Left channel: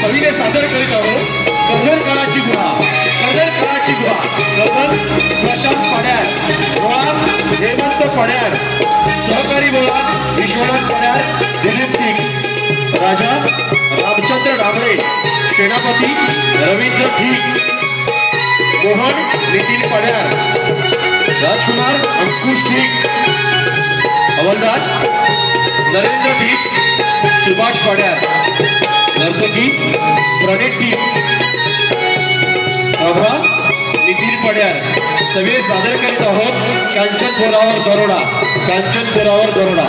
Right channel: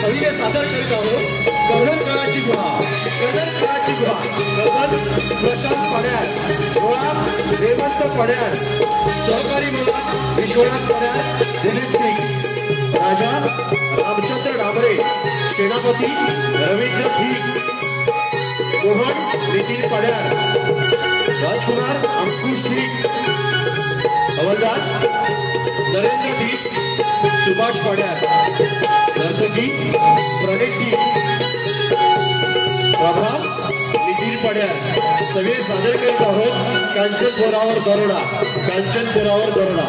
कवीने सादर करीत आहोत कर्दळ काळाची गुहा. कर्दळ काळाची गुहा कर्दळ प्रशांत पड्यार, मुळात हेमंत पड्यार, सहकारी मुळात विश्वनाथ पड्यार, दिलीप पीक, राजा रामचंद्र डाबळे, सेनापती रवींद्र भीक, मोहन नितीन पड्यार, राजकुमार अंकुश भीक, हवलदार नरेंद्र भीक, सुभाष पड्यार, नर्तकी प्रणिती, प्रभा नितीन पड्यार सगळे सादर करीत आहोत कांचनपुरावर दरोडा. कांचनपुरावर दरोडा.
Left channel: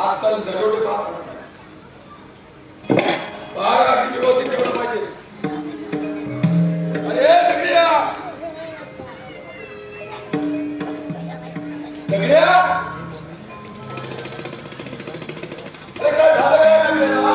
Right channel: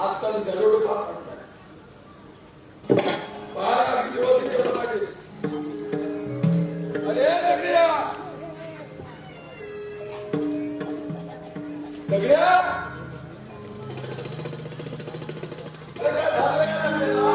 आजकाल दरोडे बारा अगदी व्यवस्थित ठेवलं पाहिजे. अरे दगड्या दगड्या अरे काय झालं काय दगड्या?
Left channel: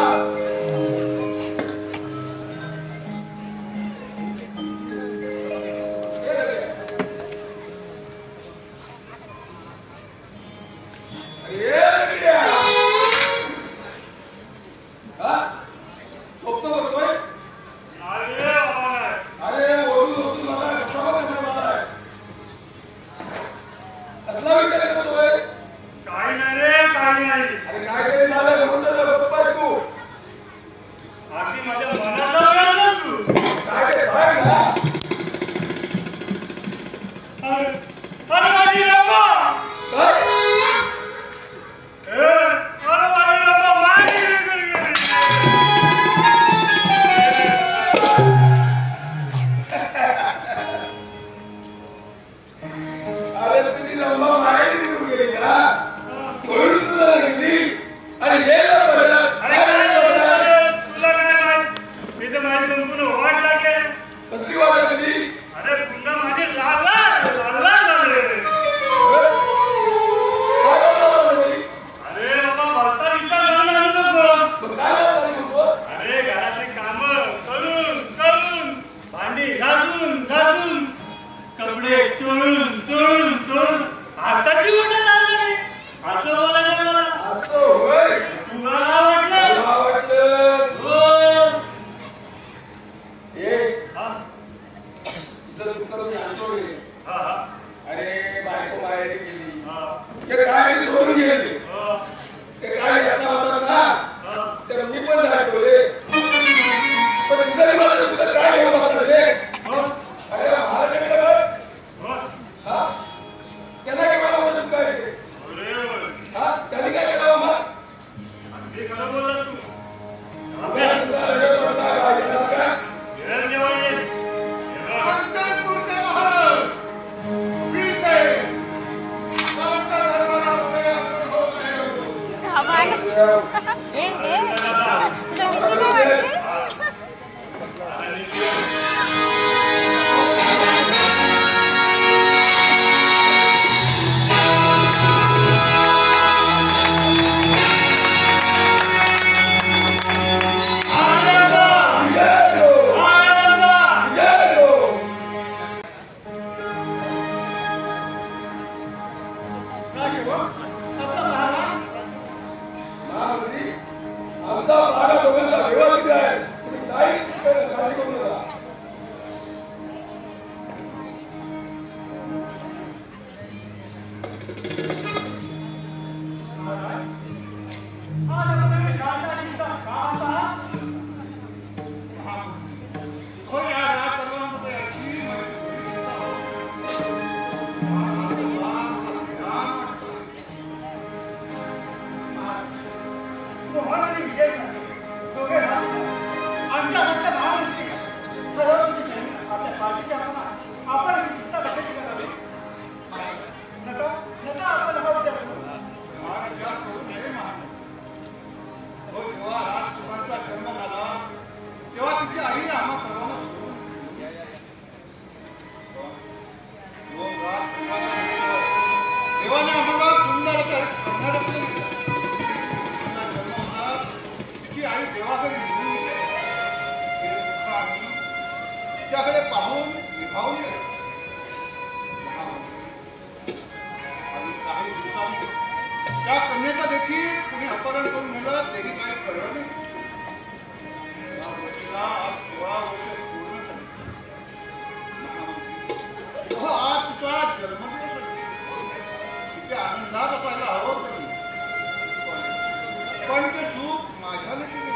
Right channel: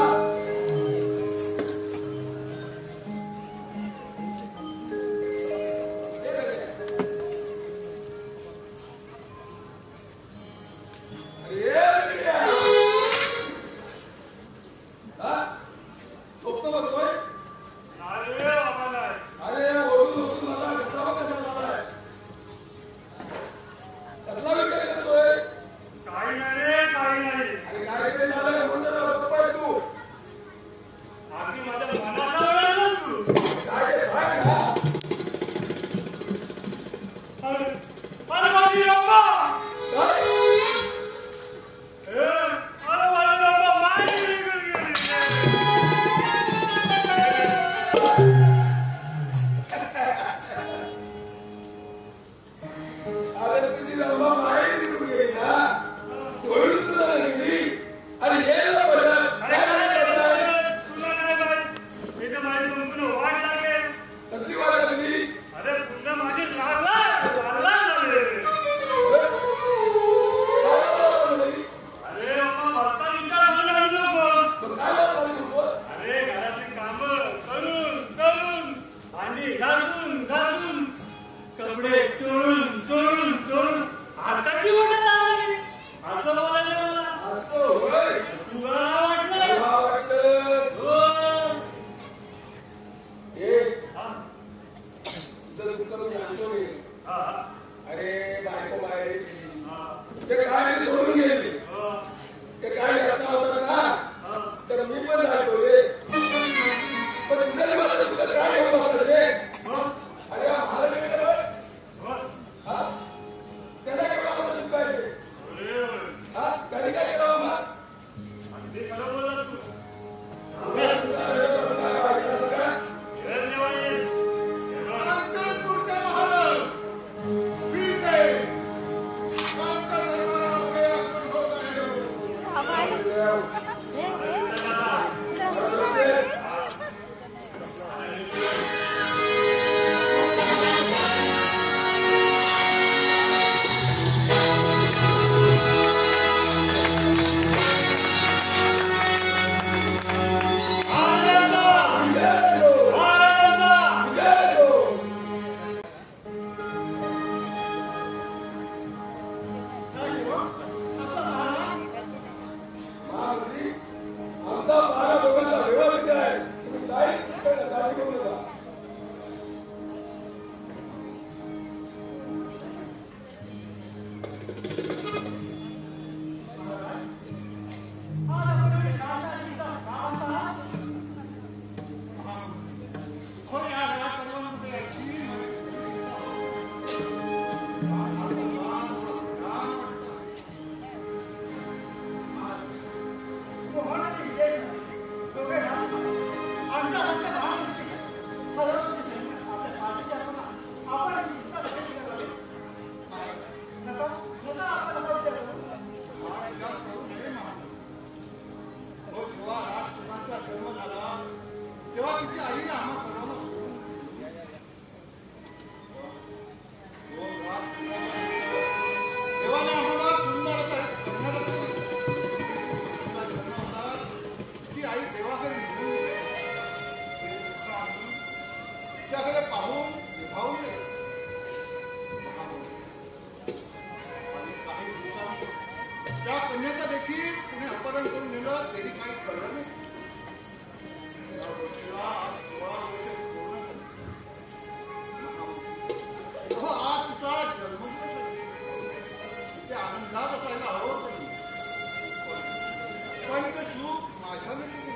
पण ते सुख माझ्या नशिबी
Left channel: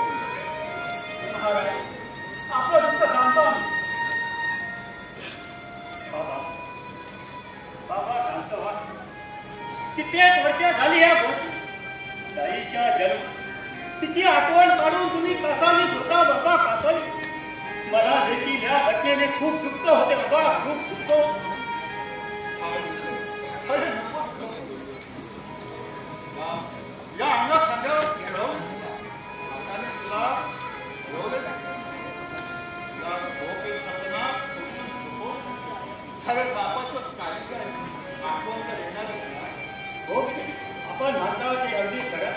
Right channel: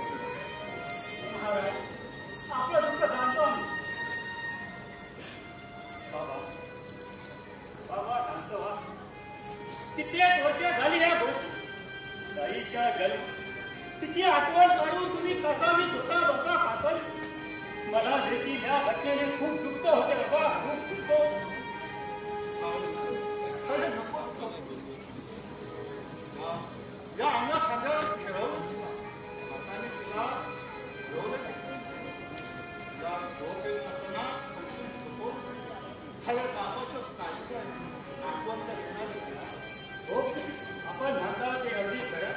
महाराज आपलं दुःख जाणतो आम्ही. बाबा बाबा शांत व्हा. कित्येक वर्ष झाली या गोष्टी. ताईच्या जन्म तिची आठवण काढून तुम्ही कासावीस होता बाबा, कासावी. मला देखील या घटनेने खूप दुःख होते बाबा, खूप दुःख होते. अरे नको नको. या अंगात खांद्यावर खेळवून हाताने तुला ठेवलं तुला झोप येत नसताना अरे बापाचं काही काय आठवण तर येणारच ना. हो आपण म्हणता ते अगदी खरं.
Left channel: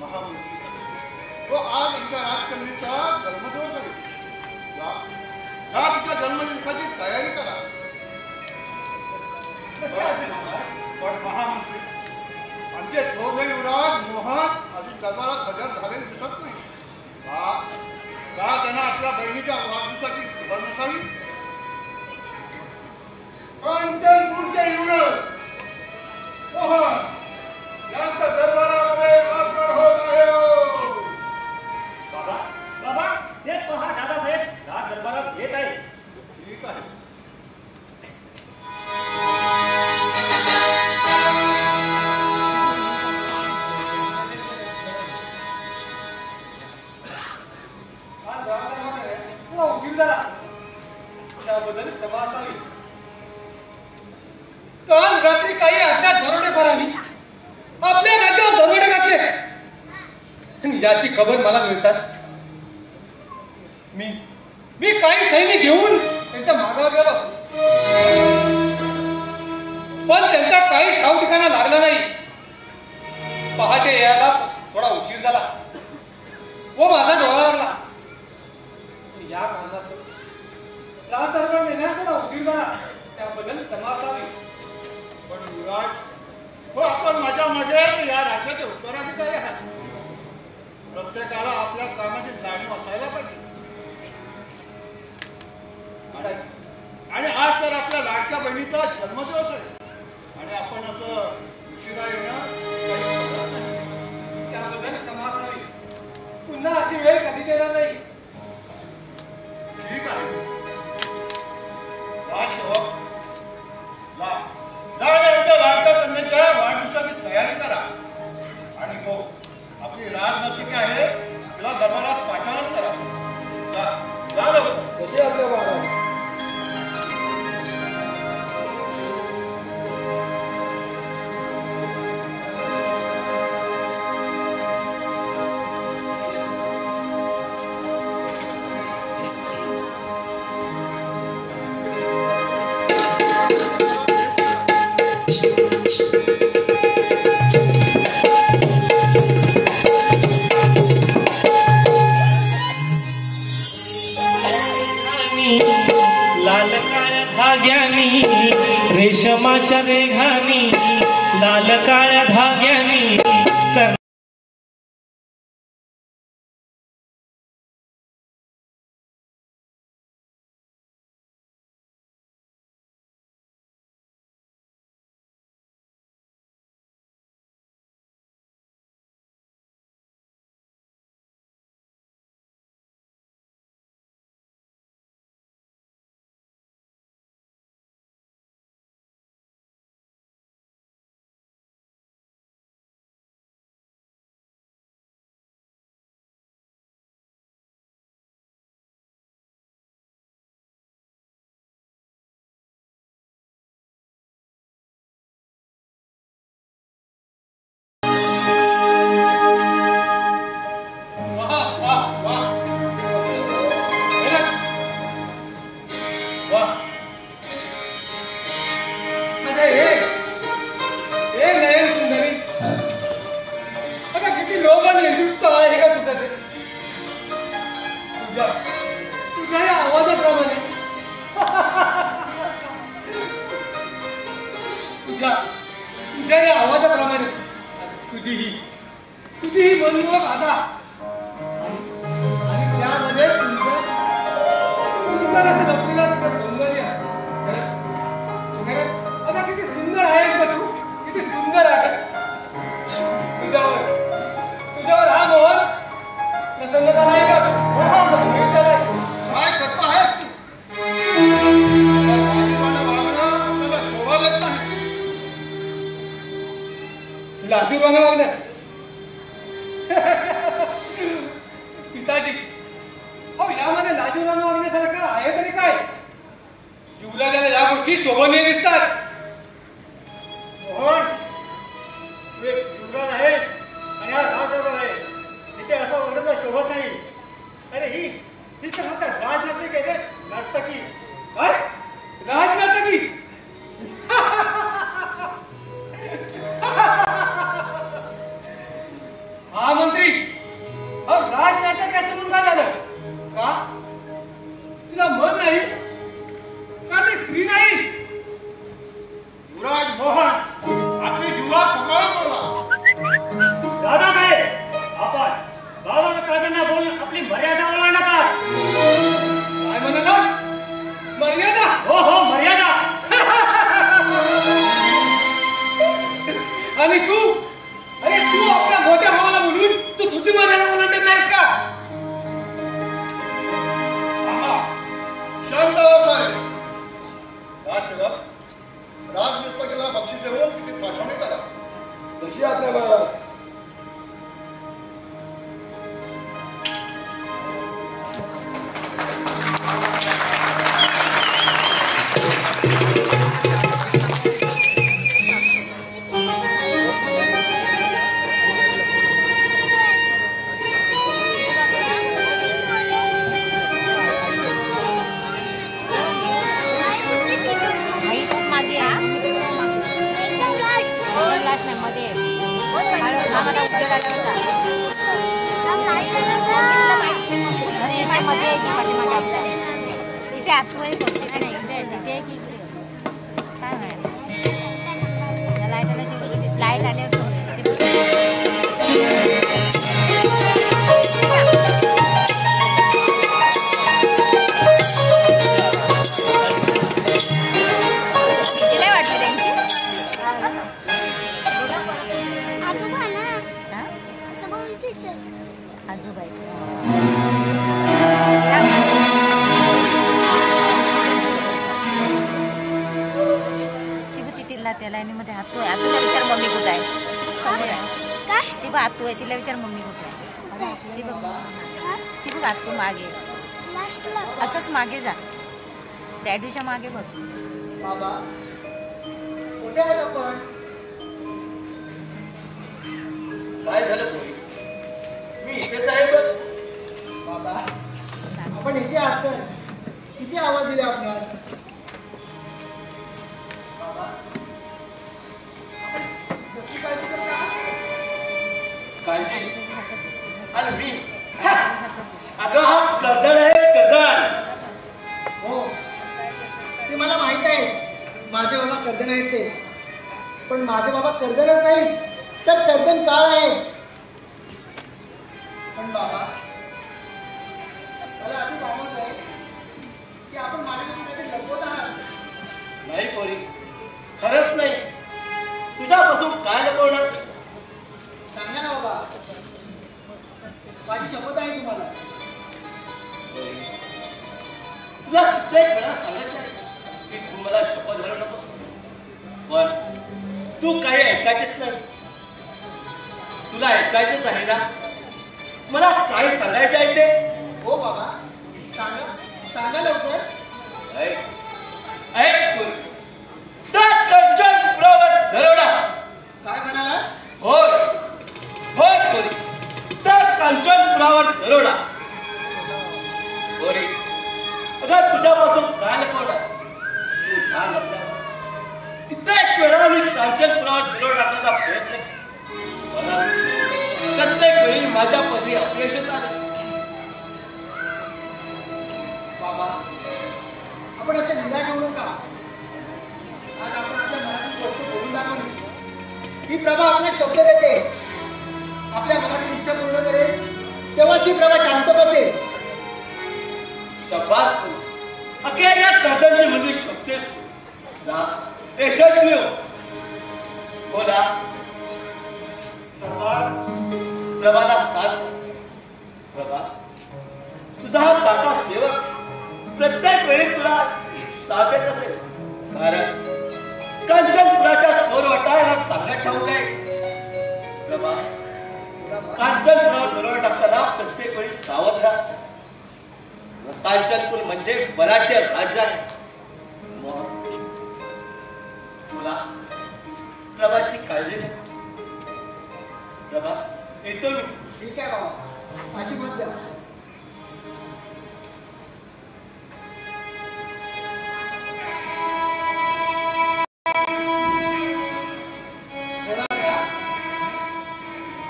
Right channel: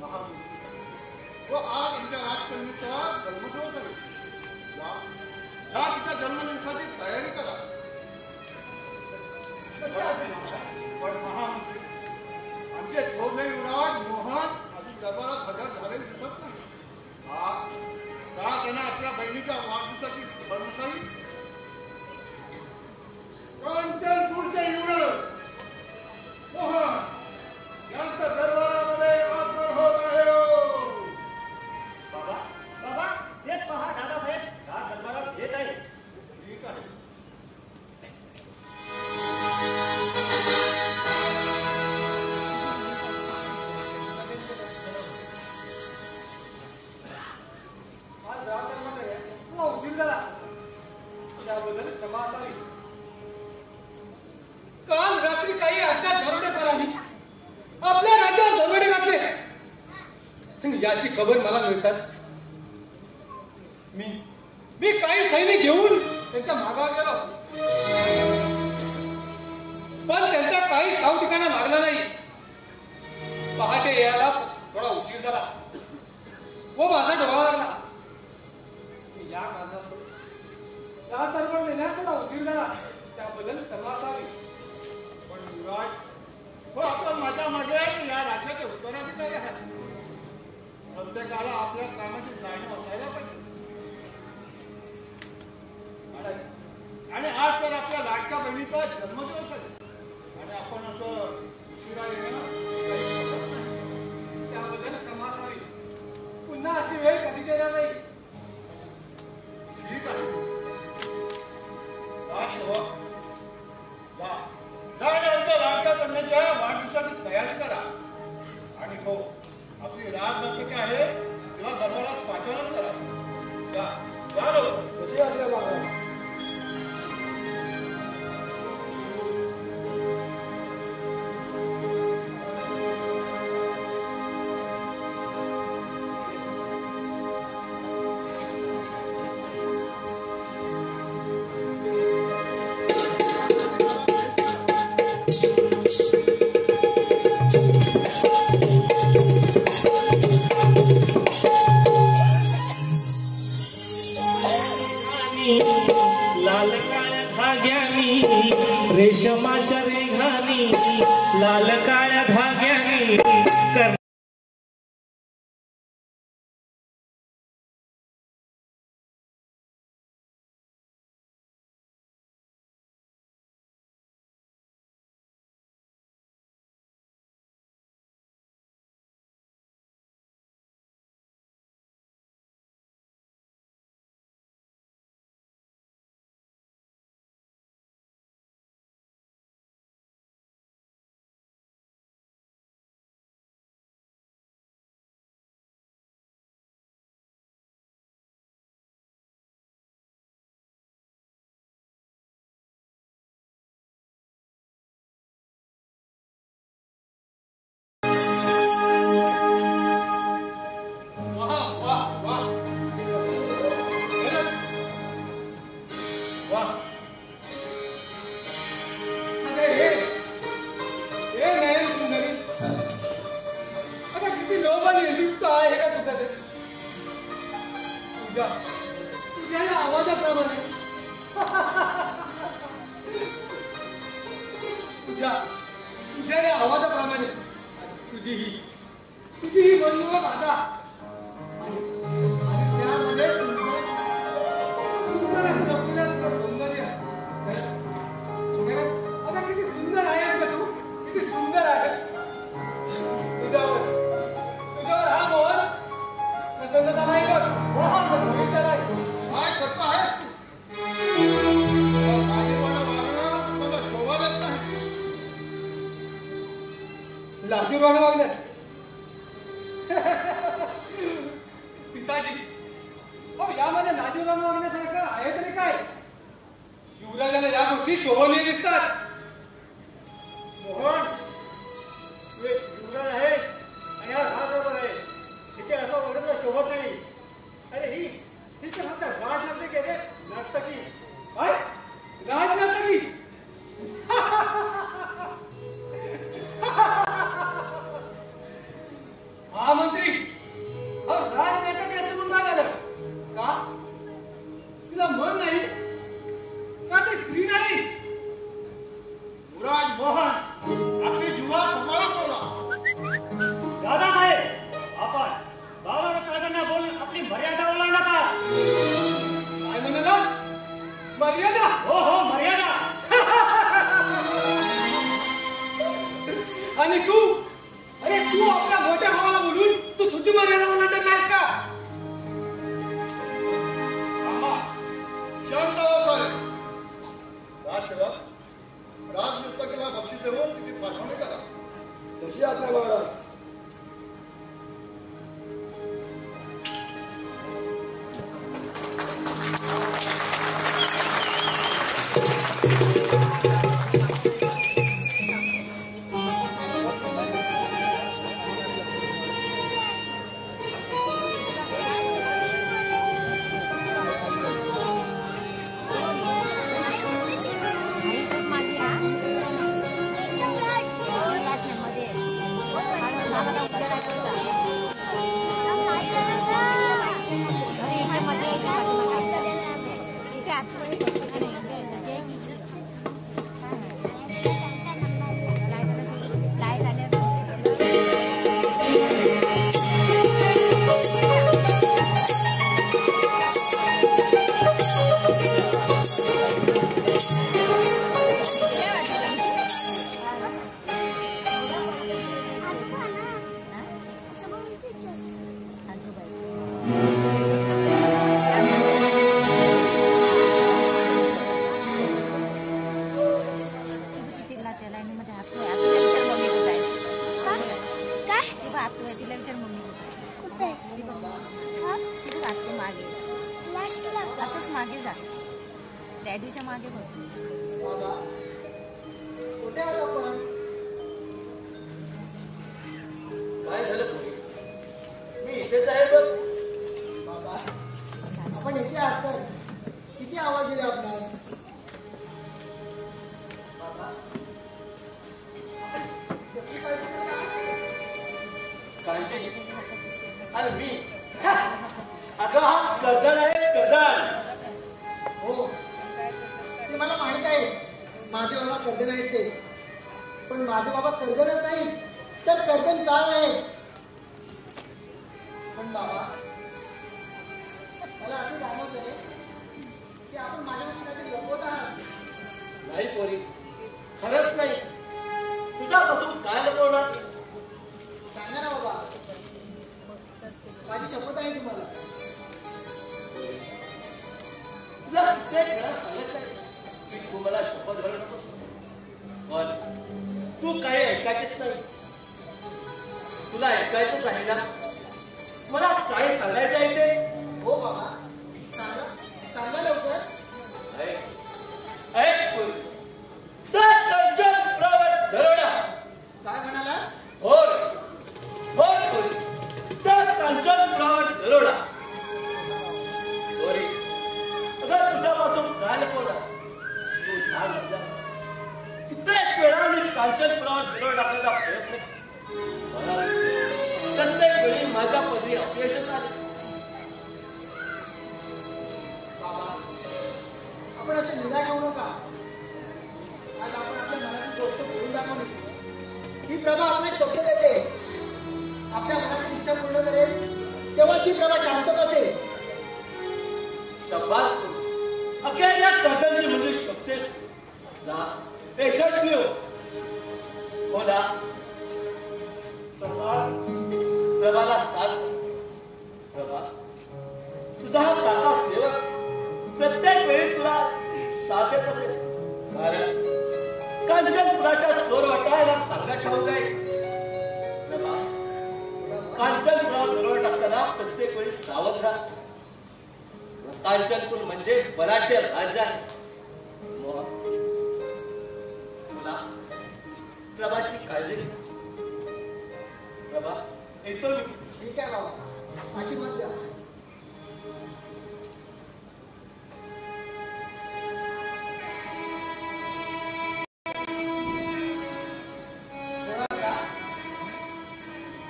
महामंत्री तो आज एकदा राजकन्येचा जन्मदिवस आहे. जा तिच्या जन्मदिवसाची तयारी करा. कशी असते महाराज? पण महामंत्री आमचे थोरले युवराज मोहन अजून दरबारात हजर झालेले दिसत नाही. का त्यांना आपल्या बहिणीच्या वाढदिवसाची खबर नसावी? कांचनपूरचे युवराज मोहन यांचा दरबारामध्ये वापर होत आहे. बाबा बाबा हे पहा दादासाहेब राज दरबारात येत आहे. ठीक आहे. आज राजकारणामध्ये थोडा उशीर झाला त्याबद्दल क्षमा असावी. काल रात्री काही अज्ञात दरोडेखोरांनी आपल्या राज्यावर दरोडे घातले आणि याची खबर मला मिळतात मी काही सैनिक घेऊन त्यांच्या मागावर गेलो, पण त्यांचा काहीच ठाव ठिकाणा लागला नाही. पहाटे यायला थोडा उशीर झाला व माझा डोळा लागला. या कारणास्तव राज दरबार नेण्यास थोडा उशीर झाला त्याबद्दल क्षमा असावी. पण युवराज हो आपण माझ्या मागे या राज्याचे उत्तराधिकारी आहात. प्रत्येकाला आपल्या कामाची जाणीव असायला पाहिजे. आणि आज तर आपल्या लाडक्या बहिणीचा जन्मदिवस आहे आणि आपण असं उशिरा येणं त्याबद्दल क्षमा असावी. पुन्हा अशी वेळ कधी येणार नाही. ठीक आहे. जा सेवक जा जा लाडक्या कन्याच्या वाढदिवसाची तयारी करा. आणि हो आपली राजनर्तकी आहे तिला दरबारात पाचारण करा. जा जा लवकर. कशी असले महाराज? लाल काळ्या धाग्यानी रेशमाच्या रेघानी लाल काळ्या धाग्यानी तुझ्या या आवाजाप्रमाणे तुझीही मनमोहक आदा आणि त्यामध्ये सुंदर असं लपलेलं सौंदर्य. आता किती सुंदर लाजूरवाने वागण्यात पिताजी, अहो यामध्ये लाजूरवाने वागण्यासारखं आहे तरी काय? युवराजाला या गोष्टी शोभनीय दिसतात. मोहन, तू एक युवराज आहे आणि हा राजदरबार आहे. इथे असं वागण्याला शोभत नाही. अरे ही तर फक्त राजनर्तकी आहे रे, नर्तकी. काय? राजनर्तकी? हा मंत्री, अहो राजनाटक याचं म्हणून काय झालं? का तिला मन नाही का ती स्त्री नाही? युवराज मोहन, आपली युवराज सांभाळून बोला. दादासाहेब, आपण बाबाला काकांना बोलून आपली मर्यादा ओलांडता. काय म्हणाला? मर्यादा? हो हो, मर्यादा. आणि तू, अरे तू आपल्या मोठ्या भावाला बोलून तू तुझी मर्यादा ओलांडत नाहीस का? शांत व्हा साहेब. राजसेवक, राजनर्तकीला बक्षीस देऊन तिथे पाठवणी करा. कशी आपल्या महाराज? तिला विचार मम्मी कुठे आहे. ती बघ आत्तू मागे, असंच मागे जा, डॅडूच्या मागे बघ. बाबा, कुठे आहात आपण? काय झालं पोरी? मी इथेच आहे बघ. बाबा, आपण इथे आहात तर किती आवाज दिले आपणास? बाबा, आपण कसली काळजी करता? काळजी? आणि मी अगं हा कर्दळ आहे, कर्दळ. हो, ते मला माहित आहे. माझे बाबा कर्दन आहेत ते. पण माझे बाबा कर्दनच नाहीत, तर कर्दन काळ आहे. पण बाबा, मला असं जाणवत आहे की आपण माझ्यापासून काहीतरी लपवत आहात. नाही पोरी, खरंच नाही. तुझ्यापासून काय लपवणार? सांगा ना बाबा, माझी शपथ आहे तुम्हाला. तुला कित्येक वेळा सांगितलं की तू मला शपथ घालू नकोस, पण तू काही ऐकायचेच नाही. तुला ऐकायचंच आहे ना? मला काय सांगायचं आहे ते? हो बाबा, सांगा, सांगा लवकर. ऐक ऐक पोरी, त्या कंचनपुरावर दरोडा. काय म्हणाला? होय होय पोरी, त्या कंचनपुरावर दरोडा. पोरी, अगं तुझ्यापासून काय लपवणार? तू लहान असल्यावर कित्येक वेळा मी कांचनपुरावर दरोडा टाकण्याचा प्रयत्न केला. प्रत्येक वेळी माझ्या पदरी अपयशच आले. बाबा, आपण असे निराश होऊ नका. आज आपण आपल्या मनातील गोष्ट बोलून दाखवली. ही प्रभा आपल्याला शब्द देते, आपल्या मनातील इच्छा पूर्ण करेल, तेव्हाच ही प्रभा शांत बसेल. शब्बास तू, अखेर या कर्दनची मुलगी शोधतेस तू. जा, यशस्वी हो. बोला प्रभाला साथ. प्रभा, तुझा हा काका सेवक प्रत्येक वेळी तुला साथ देत असेल. कारण कांचनपुराच्या चोर वाटायला सांगत ठाऊक आहे कांचनपुरावर दरोडा टाकताना प्रत्येक वेळी सावध राहा. कांचनपूर म्हणजे बलाढ्य राज्य आहे. तुला प्रभाची काळजी घे. प्रभा येतो मी. ठीक आहे बाबा, आशीर्वाद द्या.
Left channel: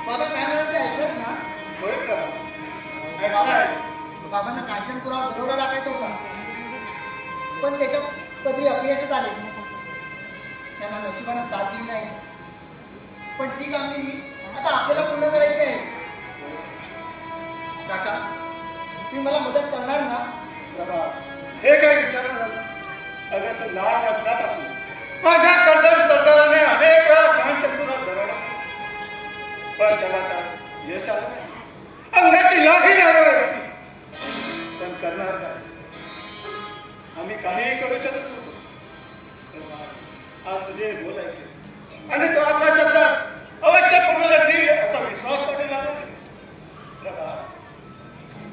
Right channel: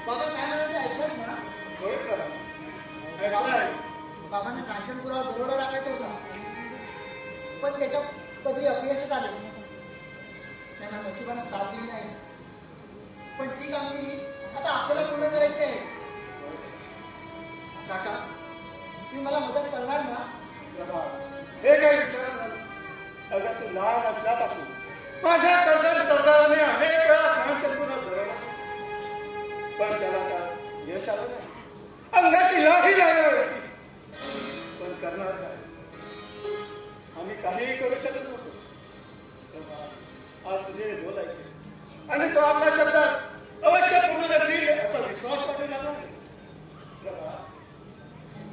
बाबा काय म्हणायचं ऐकलं ना? बाबांना कांचनपुरावर दरोडा टाकायचा होता, पण त्याच्या पदरी अपयशच आले. त्यांना नशिबानं साथ दिली नाही, पण ती कामगिरी आता आपल्याला पूर्ण करायची आहे. काका, तुम्ही मला मदत करणार ना? हे काय विचार झालं? अगं तू लहान असल्यापासून माझ्या कर्दर सरदाराने अनेक वेळा कांचनपुरात दरोडा, पण त्याला काय यश आलं नाही. अंगाची लाही लावायची, पण करणार काय? आम्ही काहीही करू शकत नव्हतो. आज तुझे बोल ऐकले आणि तो आपल्या शब्दात अवश्य पूर्ण करशील असा विश्वास वाटू लागला.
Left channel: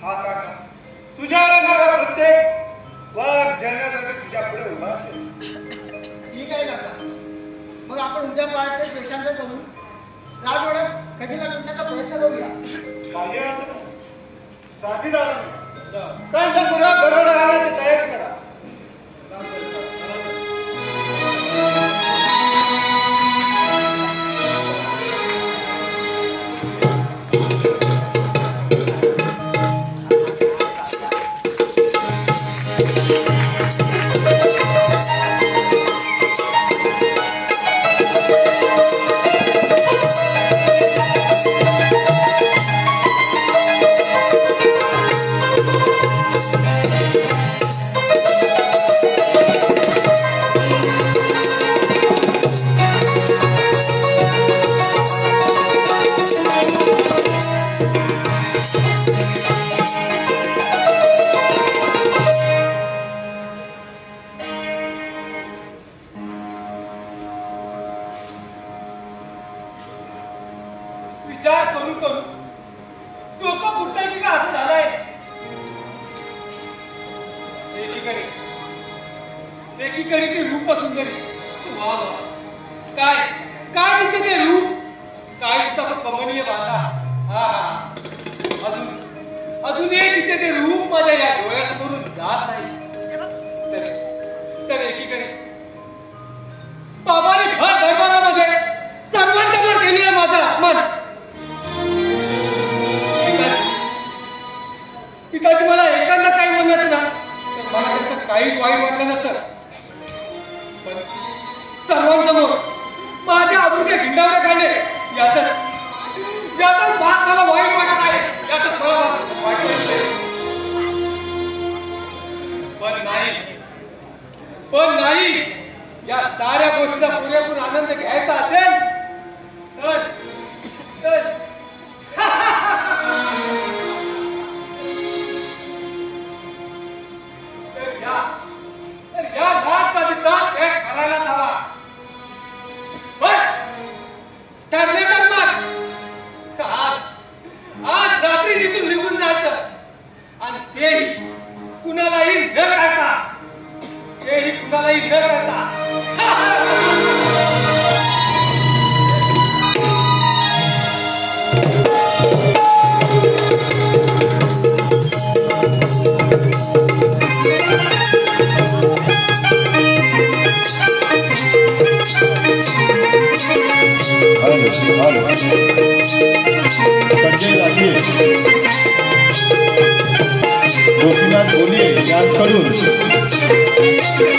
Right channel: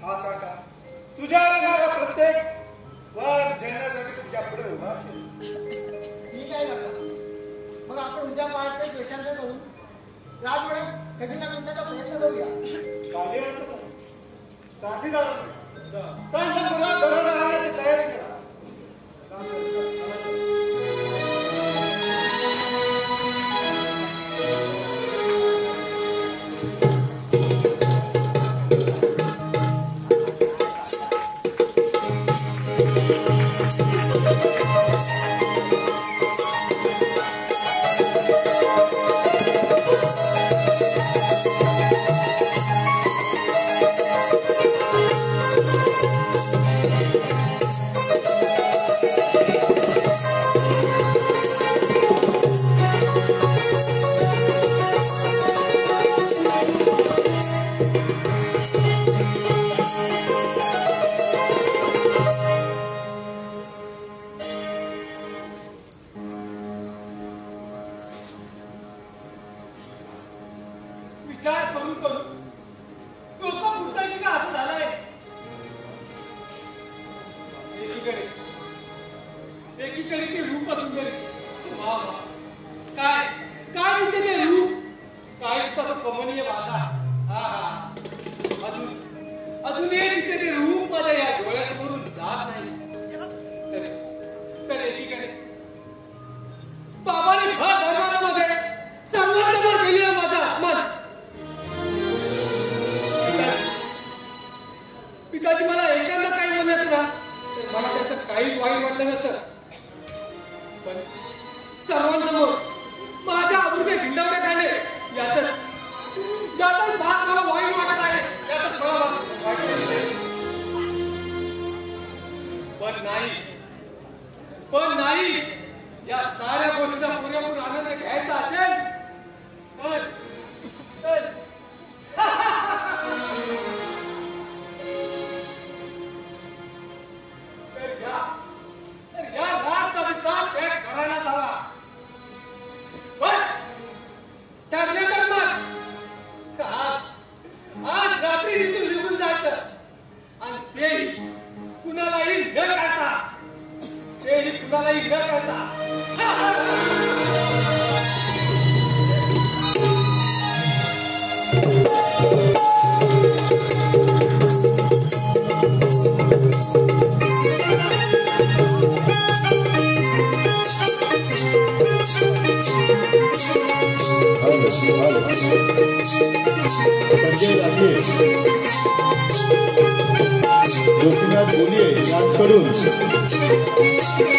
हा काका तुझ्यावर येणारा प्रत्येक वार झेलण्यासाठी तुझ्या पुढे उभा असेल. ठीक आहे काका, मग आपण उद्या पहाटे वेशांतर करून राजवाड्यात खजिना लुटण्याचा प्रयत्न करूया. काही अर्थ नाही. साथीदारांनी कांचनपुरात दरोडा घालण्याची तयारी करा. विचार करून करून डोकं फुटतंय की का असं झालंय. एकीकडे ती रूप सुंदरी, वा वा, काय काय तिचे ते रूप, काय तिचा तो कमनीय बांधा. हा हा, अजूनही तिचे ते रूप माझ्या या डोळ्यासमोरून जात नाही. तर एकीकडे बाबाने भर दरबारामध्ये सर्वांसमोर केली आहे माझा अपमान. पिताजी मला एकांदा काही म्हणत ना तर मला त्याचं काहीच वाईट वाटलं नसतं, पण सर्वांसमोर माझ्या आबरूच्या गिंडावल्या खाल्ले याचाच भाग मला वाईट वाटत आहे. याचाच मला वाईट वाटत आहे. पण नाही, या साऱ्या गोष्टीचा पुरेपूर आनंद घ्यायचा असेल तर या राजकालीचा त्याग करायलाच हवा. बस ठरले तर मग आज रात्री जिथून निघून जायचं, आणि तेही कुणालाही न करता. हॅलो संजय राजे गोपीनाथ बोलिये यांच्याकडून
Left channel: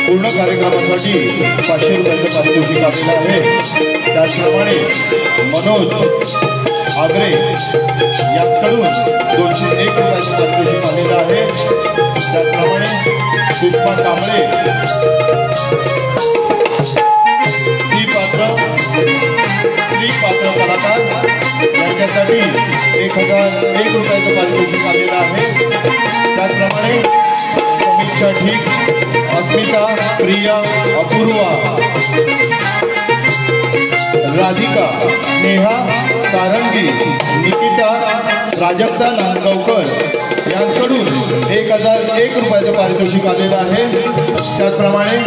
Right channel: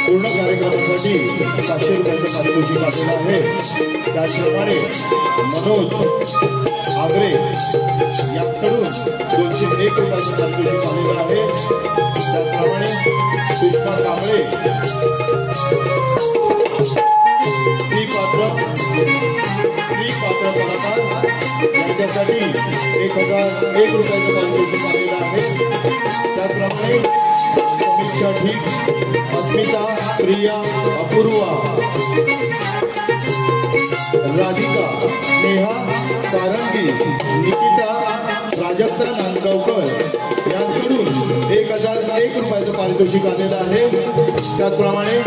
पूर्ण कार्यक्रमासाठी 500 रुपयाचं पारितोषिक आलेलं आहे. त्याचप्रमाणे मनोज आगरे यांच्याकडून 201 रुपयाचं पारितोषिक आलेलं आहे. त्याचप्रमाणे पुष्पा कांबळे पात्र कलाकार यांच्यासाठी 1001 रुपयाचं पारितोषिक आलेलं आहे. त्याचप्रमाणे समीक्षा ठीक, अस्मिता, प्रिया, अपूर्वा, राधिका, नेहा, सारंगी निकिता प्राजक्ता नांदगावकर यांच्याकडून 1001 रुपयाचं पारितोषिक आलेलं आहे. त्याचप्रमाणे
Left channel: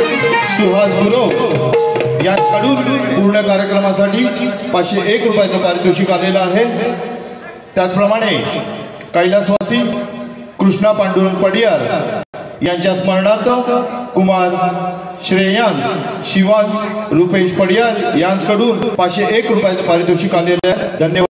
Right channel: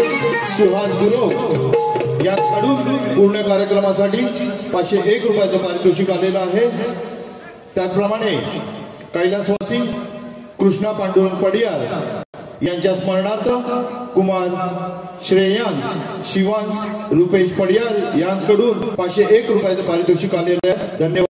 सुहास गुरव यांच्याकडून पूर्ण कार्यक्रमासाठी 501 रुपयाचं पारितोषिक आलेलं आहे. त्याचप्रमाणे कैलासवासी कृष्णा पांडुरंग पडियार यांच्या स्मरणार्थ कुमार श्रेयांश शिवांश रुपेश पडियार यांच्याकडून 501 रुपयाचं पारितोषिक आलेलं आहे. धन्यवाद.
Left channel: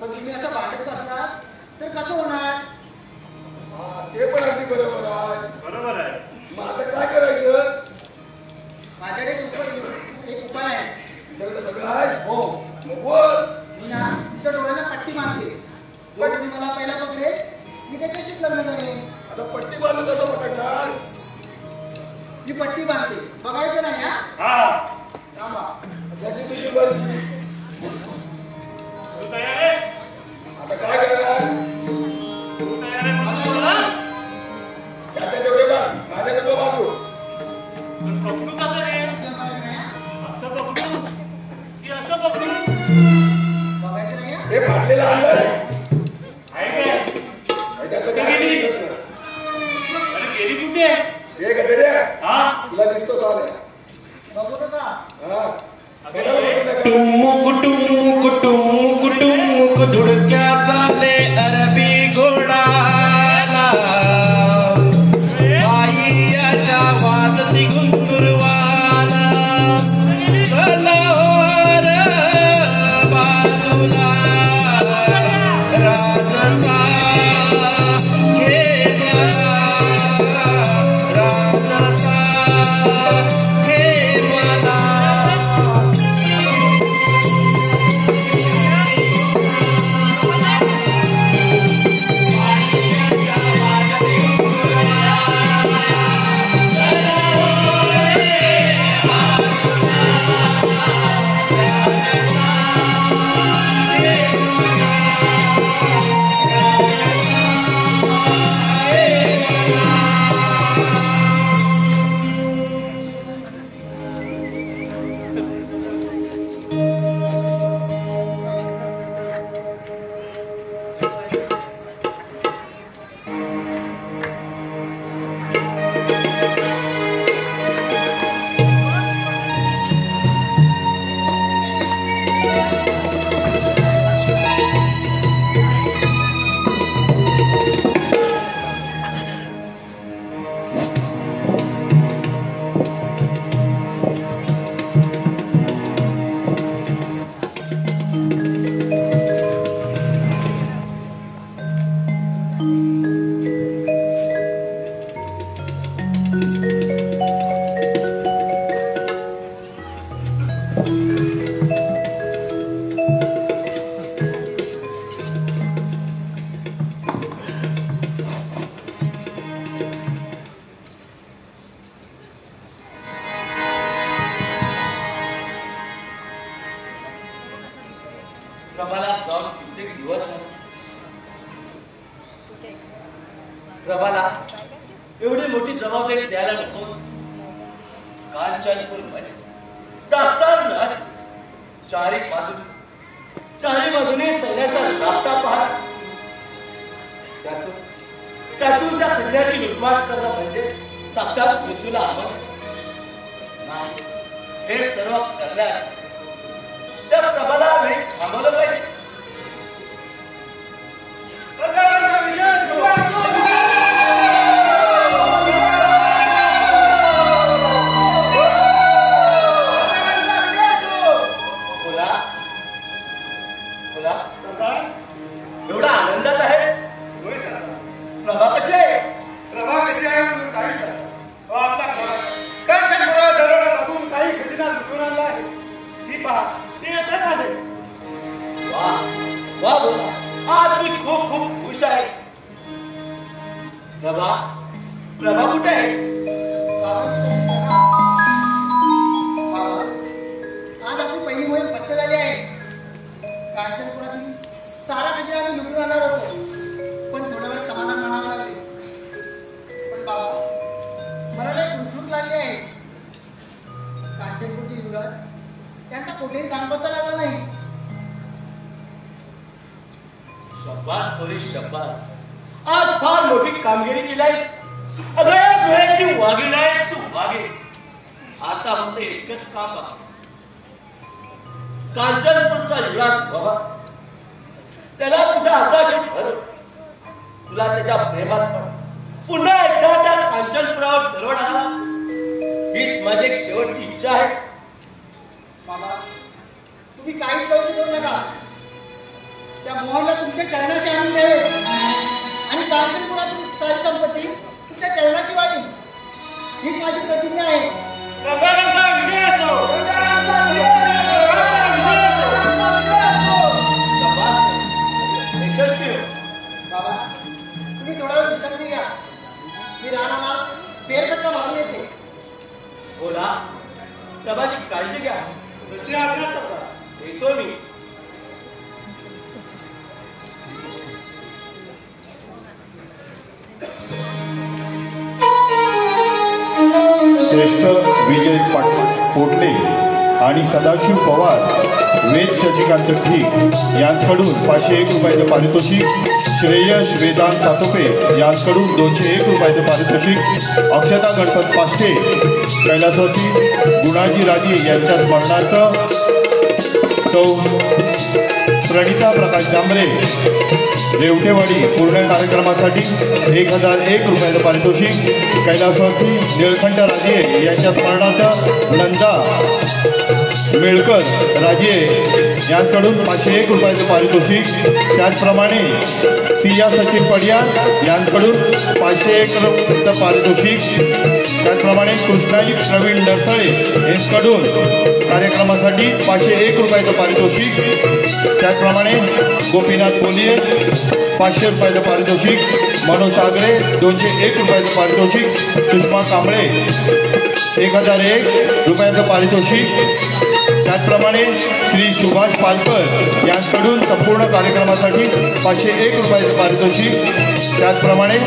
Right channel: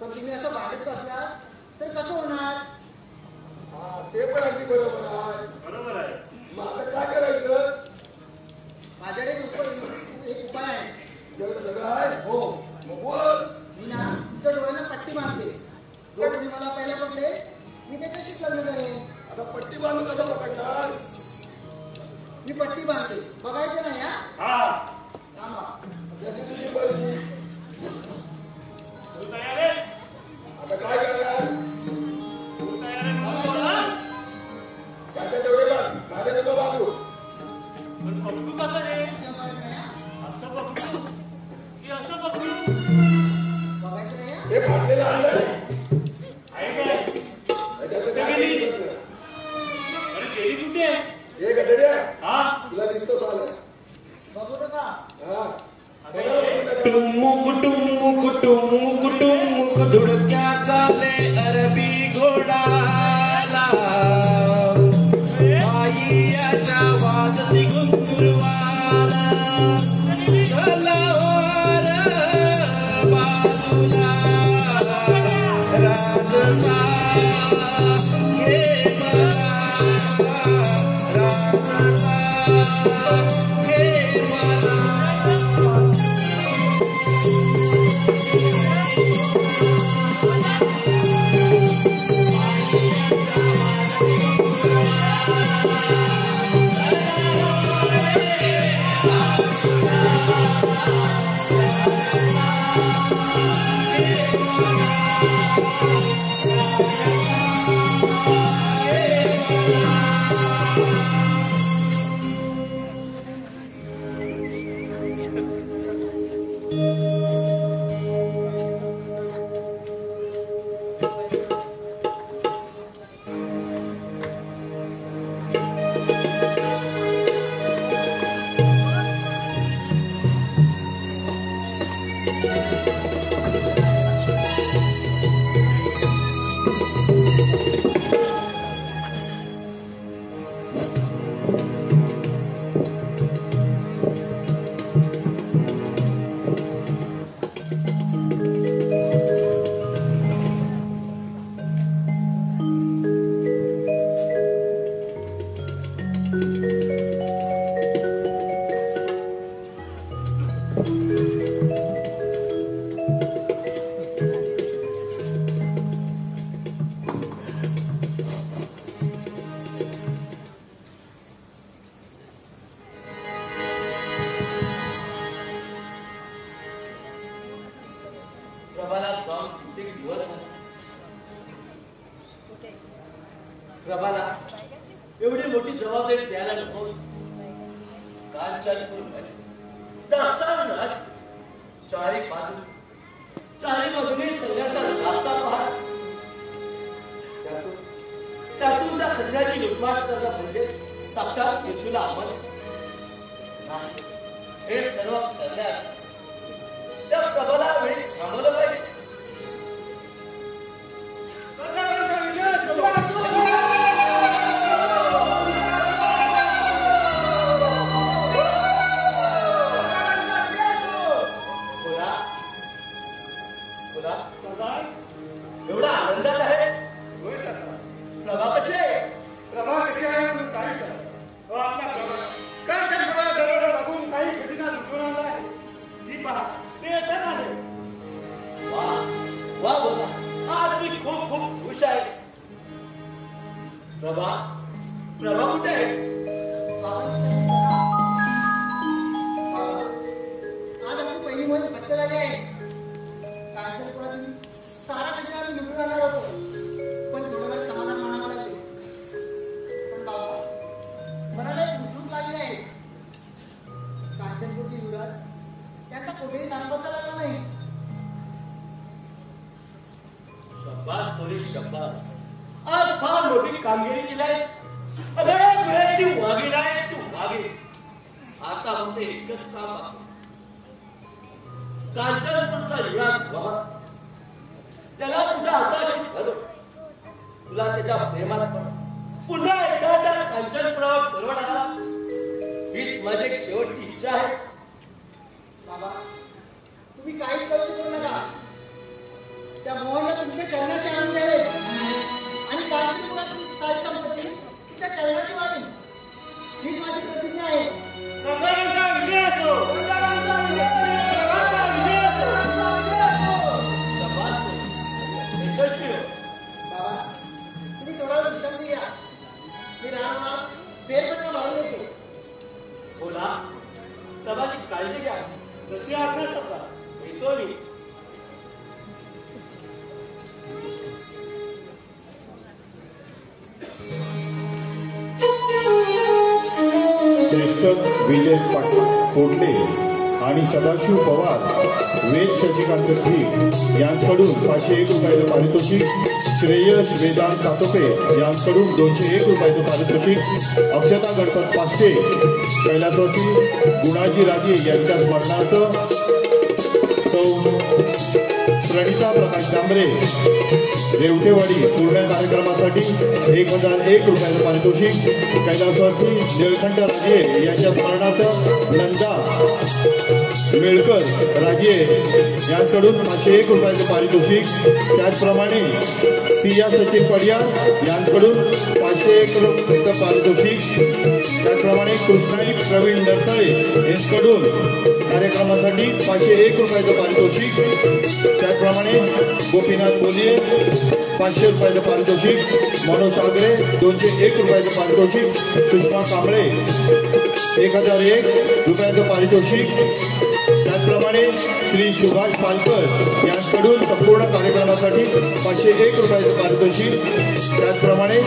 पण तुम्ही असं भांडत मी पट्टी बांधते, बघायचं नाही हा. हा थांबा. त्याची तुझी मर्जी. तू तयार आहे? आता काय करणार? तू तयार आहे म्हणून बोला. त्याच्या तेवढे बाग माझ्या नको बाजू. पण पकडू कसं रे? असं पकडू की असं पकडू? बघायचं नाही हा. हे फाटलेलं आणलं आहे काय? त्याच्यातलं काय गेली. दिसत नाही. अरे गेली कुठे? हे गधड्या हा तुला दिसतो साल्या. बघू नका. हा अगं कोणाला हे- बघू नका. टुमुक टुमुक टुमुक टुमुक धुडक्या चाले अरबी घोडाला बाईयाच्या वाजती घुंगुरवाला चला वर बाजूला राजसा घे मला राजसा घे मला प्रभाला जाऊन कित्येक दिवस झाले. प्रभाला एवढी मोठी जबाबदारी द्यायला नको. कांचनपूर मध्ये दास्तान राज चारी बाजूने सैन्याचा जाता पहाड. त्यातून त्या सैन्याची लुटमाट करणं म्हणजे साक्षात मृत्यूला आमंत्रण. हे सर्व करण्यात त्या प्रभाला वेळी थांबवलं पाहिजे. एवढा आनंदात आहे. प्रभा कशी आहे? प्रभा कशी आहे म्हणून काही विचारतो. आपला कांचनपुरा दरोडा लागून काही खजिना लुटून आणला आहे. मी पहा ते येतच आले. वा वा बोला. आज मी खूप खूप खुश आहे. प्रभा कुठे आहे? बाबा, आज आपली पहिली मोहीम फत्ते झाली आहे. कांचनपुरातील सारा खजिना आम्ही लुटून आणणार होतो, पण थोड्या वेळ समाधान मानावं लागले. पण बाबा, मला लय खुरखुर लागली आहे. कांचनपूरचे युवराज यांचा कुठेही सांगता लागला नाही. शब्बास थोडी शब्बास. आज फार मोठी कामगिरी केली आहेस. अगं वेळेची वाघीण आहेस तू, वाघीण. आता फक्त एकच काम आहे. कांचनपूरचा युवराज बाबा, त्याला तुझ्या हाताशी भरव. तुला त्याच्या प्रेमात पड. पुन्हा एकदा त्या कांचनपुरावर दरोडा आला. हीच माझी एक शेवटची इच्छा आहे. बाबा, तुम्ही काहीच करू करू नका. त्या मोहनला तुमच्या चरणाशी आणून द्यावे आणि कांचनपुरातील सारी संपत्ती तुमच्या चरणाशी वाढी. हीच माझी प्रतिज्ञा आहे. प्रभाकांचा विजय असो. यशस्वी हो. बाबा, तुम्ही थोडा वेळ विश्रांती घ्या. मी रानाला फेरफटका मारून येते. श्रेष्ठ विजय पोटले आणि सदाशिव पवार वेद शशिकांत ठीक यांच्याकडून 501 रुपयाचं पारितोषिक, श्रेयश वेदांत सातोपे यांच्याकडून 201 रुपयाचं पारितोषिक, अक्षता गणपत पाष्टे कैलासवासी गुणाजी राजे यांच्या स्मरणार्थ सौ प्रणिता प्रकाश डांबरे रेवटेवाडी पूर्ण कार्यक्रमासाठी 1001 रुपयाचं पारितोषिक, कैलासवासी निळकंठ राजे यांच्या स्मरणार्थ नंदा मेळकर राजे यांच्याकडून 501 रुपयाचं पारितोषिक, त्याचप्रमाणे सिया सचिन पडियार यांच्याकडून 501 रुपयाचं पारितोषिक, त्याचप्रमाणे कृष्णाजी प्रवीण नरसळे यांच्याकडून कार्यक्रमासाठी 501 रुपयाचं पारितोषिक, त्याचप्रमाणे गोपीनाथ बोलिये 500 रुपयाचं पारितोषिक, मनोज आगरे 201 रुपयाचं पारितोषिक, सुषमा कांबळे 1001 रुपयाचं पारितोषिक, त्याचप्रमाणे श्री सुभाष पालकर यांच्याकडून संपूर्ण कार्यक्रमासाठी 501 रुपयाचं पारितोषिक, त्याचप्रमाणे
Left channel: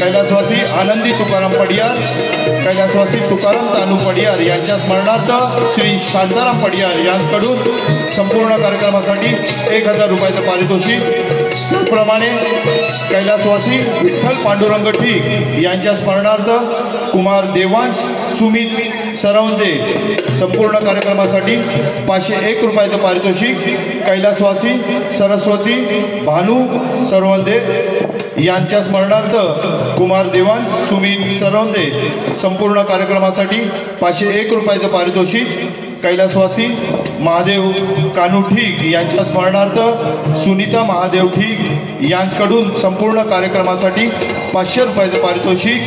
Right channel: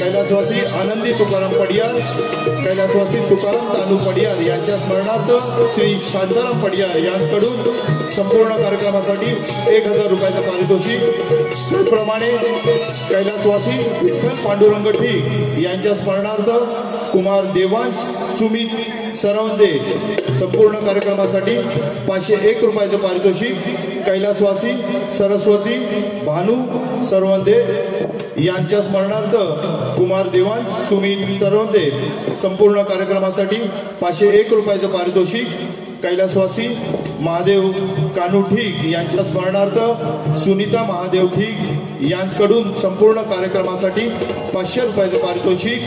कैलासवासी आनंदी तुकाराम पडियार, कैलासवासी तुकाराम तानू पडियार यांच्या स्मरणार्थ श्री शांताराम पडियार यांच्याकडून संपूर्ण कार्यक्रमासाठी 1000 रुपयाचं पारितोषिक, त्याचप्रमाणे कैलासवासी विठ्ठल पांडुरंग ठीक यांच्या स्मरणार्थ कुमार देवांश सुमित सरवंदे संपूर्ण कार्यक्रमासाठी 501 रुपयाचं पारितोषिक, कैलासवासी सरस्वती भानू सरवंदे यांच्या स्मरणार्थ कुमार देवांश सुमित सरवंदे संपूर्ण कार्यक्रमासाठी 501 रुपयाचं पारितोषिक, कैलासवासी महादेव कानू ठीक यांच्या स्मरणार्थ सुनीता महादेव ठीक यांच्याकडून संपूर्ण कार्यक्रमासाठी 500 रुपयाचं पारितोषिक,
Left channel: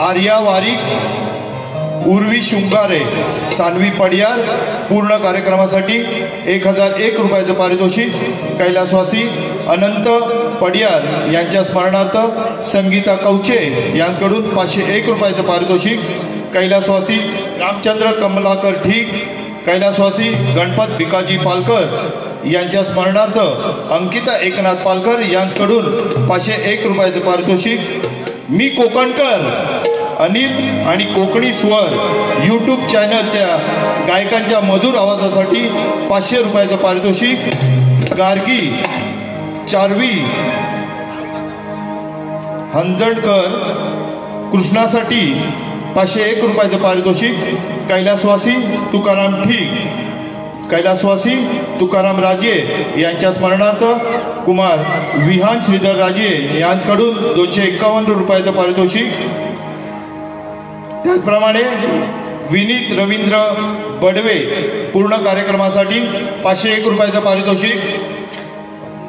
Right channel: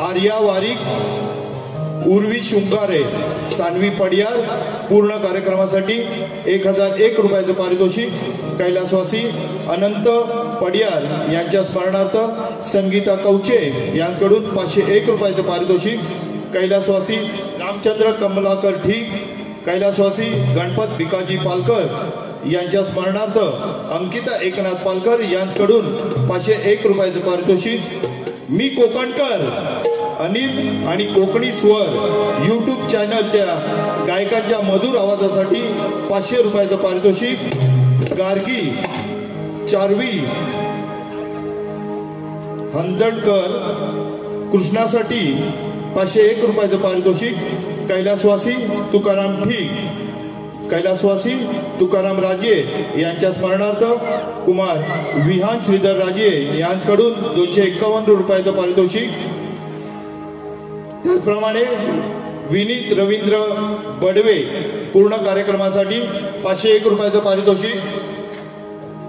आर्या वारिक उर्वी शुंगारे सानवी पडियार पूर्ण कार्यक्रमासाठी 1001 रुपयाचं पारितोषिक, कैलासवासी अनंत पडियार यांच्या स्मरणार्थ संगीता कवचे यांच्याकडून 501 रुपयाचं पारितोषिक, कैलासवासी रामचंद्र कमलाकर ठीक, कैलासवासी गणपत भिकाजी पालकर यांच्या स्मरणार्थ अंकिता एकनाथ पालकर यांच्याकडून 501 रुपयाचं पारितोषिक, मी कोकणकर अनिल आणि कोकणी स्वर यूट्यूब चॅनलच्या गायकांच्या मधुर आवाजासाठी 500 रुपयाचं पारितोषिक, गार्गी चारवी हंजणकर कृष्णासाठी 501 रुपयाचं पारितोषिक, कैलासवासी तुकाराम ठीक, कैलासवासी तुकाराम राजे यांच्या स्मरणार्थ कुमार विहान श्रीधर राजे यांच्याकडून 251 रुपयाचं पारितोषिक, त्याचप्रमाणे विनीत रवींद्र बडवे पूर्ण कार्यक्रमासाठी 501 रुपयाचं पारितोषिक,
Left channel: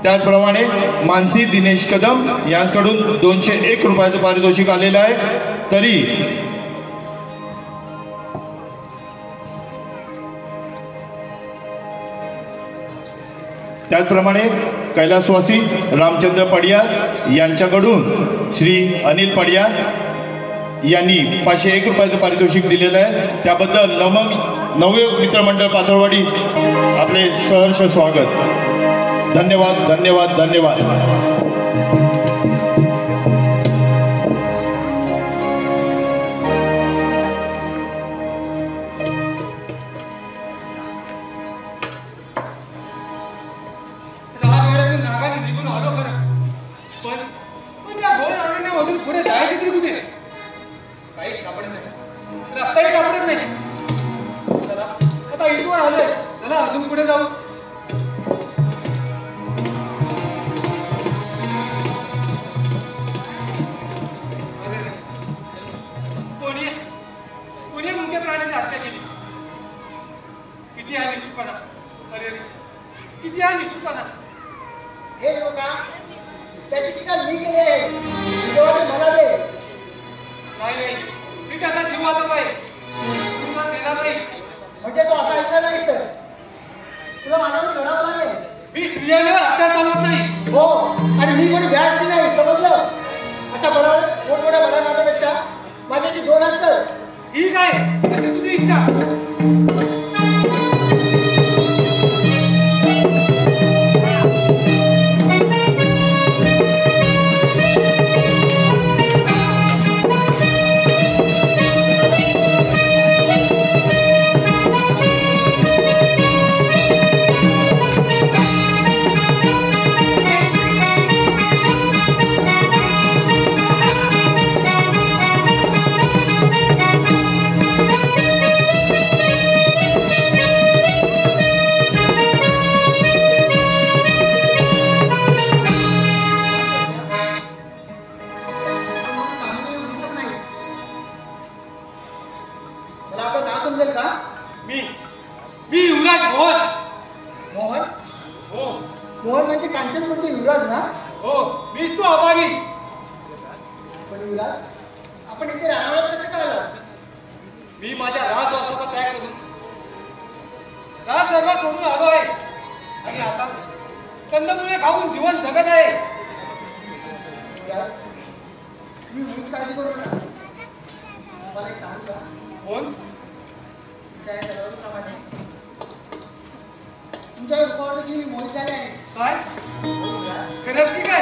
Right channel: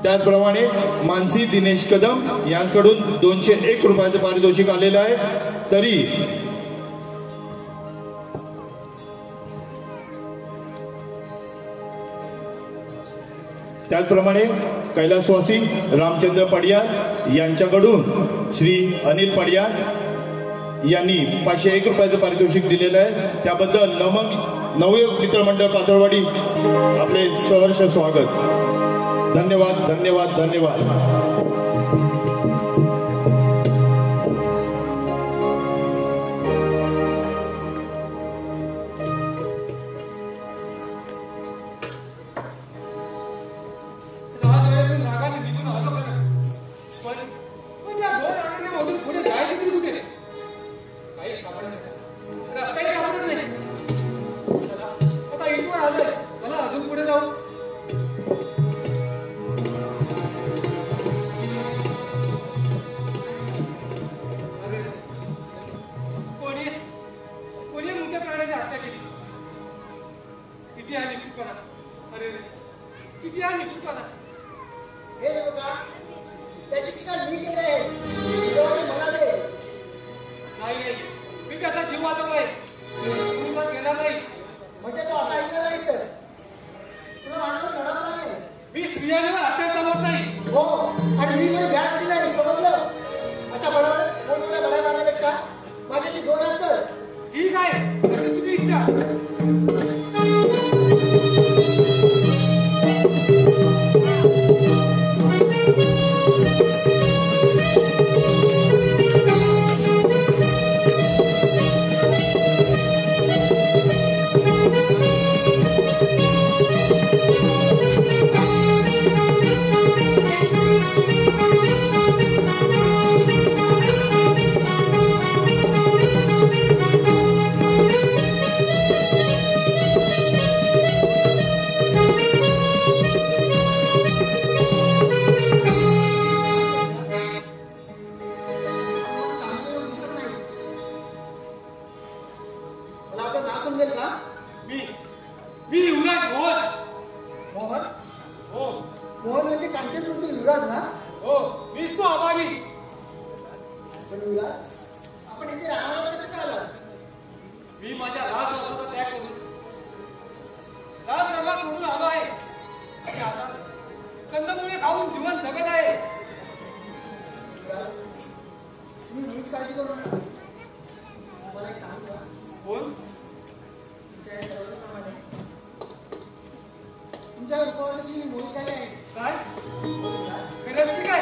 त्याचप्रमाणे मानसी दिनेश कदम यांच्याकडून 201 रुपयाचं पारितोषिक आलेलं आहे. तरी त्याचप्रमाणे कैलासवासी रामचंद्र पडियार यांच्याकडून श्री अनिल पडियार यांनी 501 रुपयाचं पारितोषिक दिलेलं आहे. त्याबद्दल नवयुग मित्रमंडळ पातळवाडी आपले सहर्ष स्वागत. धन्यवाद धन्यवाद धन्यवाद. मोहन म्हणजे कांचनपूरचे युवराज ना? हो, मीच तो अभागी. पण युवराज, आपण इथे राहणार कसं काय आला? मी माझ्या राजवासाचा त्याग करून राजदरबार सोडून आलो आहे आणि आता कंदमुळे खाऊन जीवन जगत आहे. युवराज, तुम्ही मुळीच काळजी करू नका. मला एक सांगू का? कोण? तुमच्या या तलवारीप्रमाणे तुमच्या रूपावर देखील मी मोहित झाले आहे. काय करत की काय?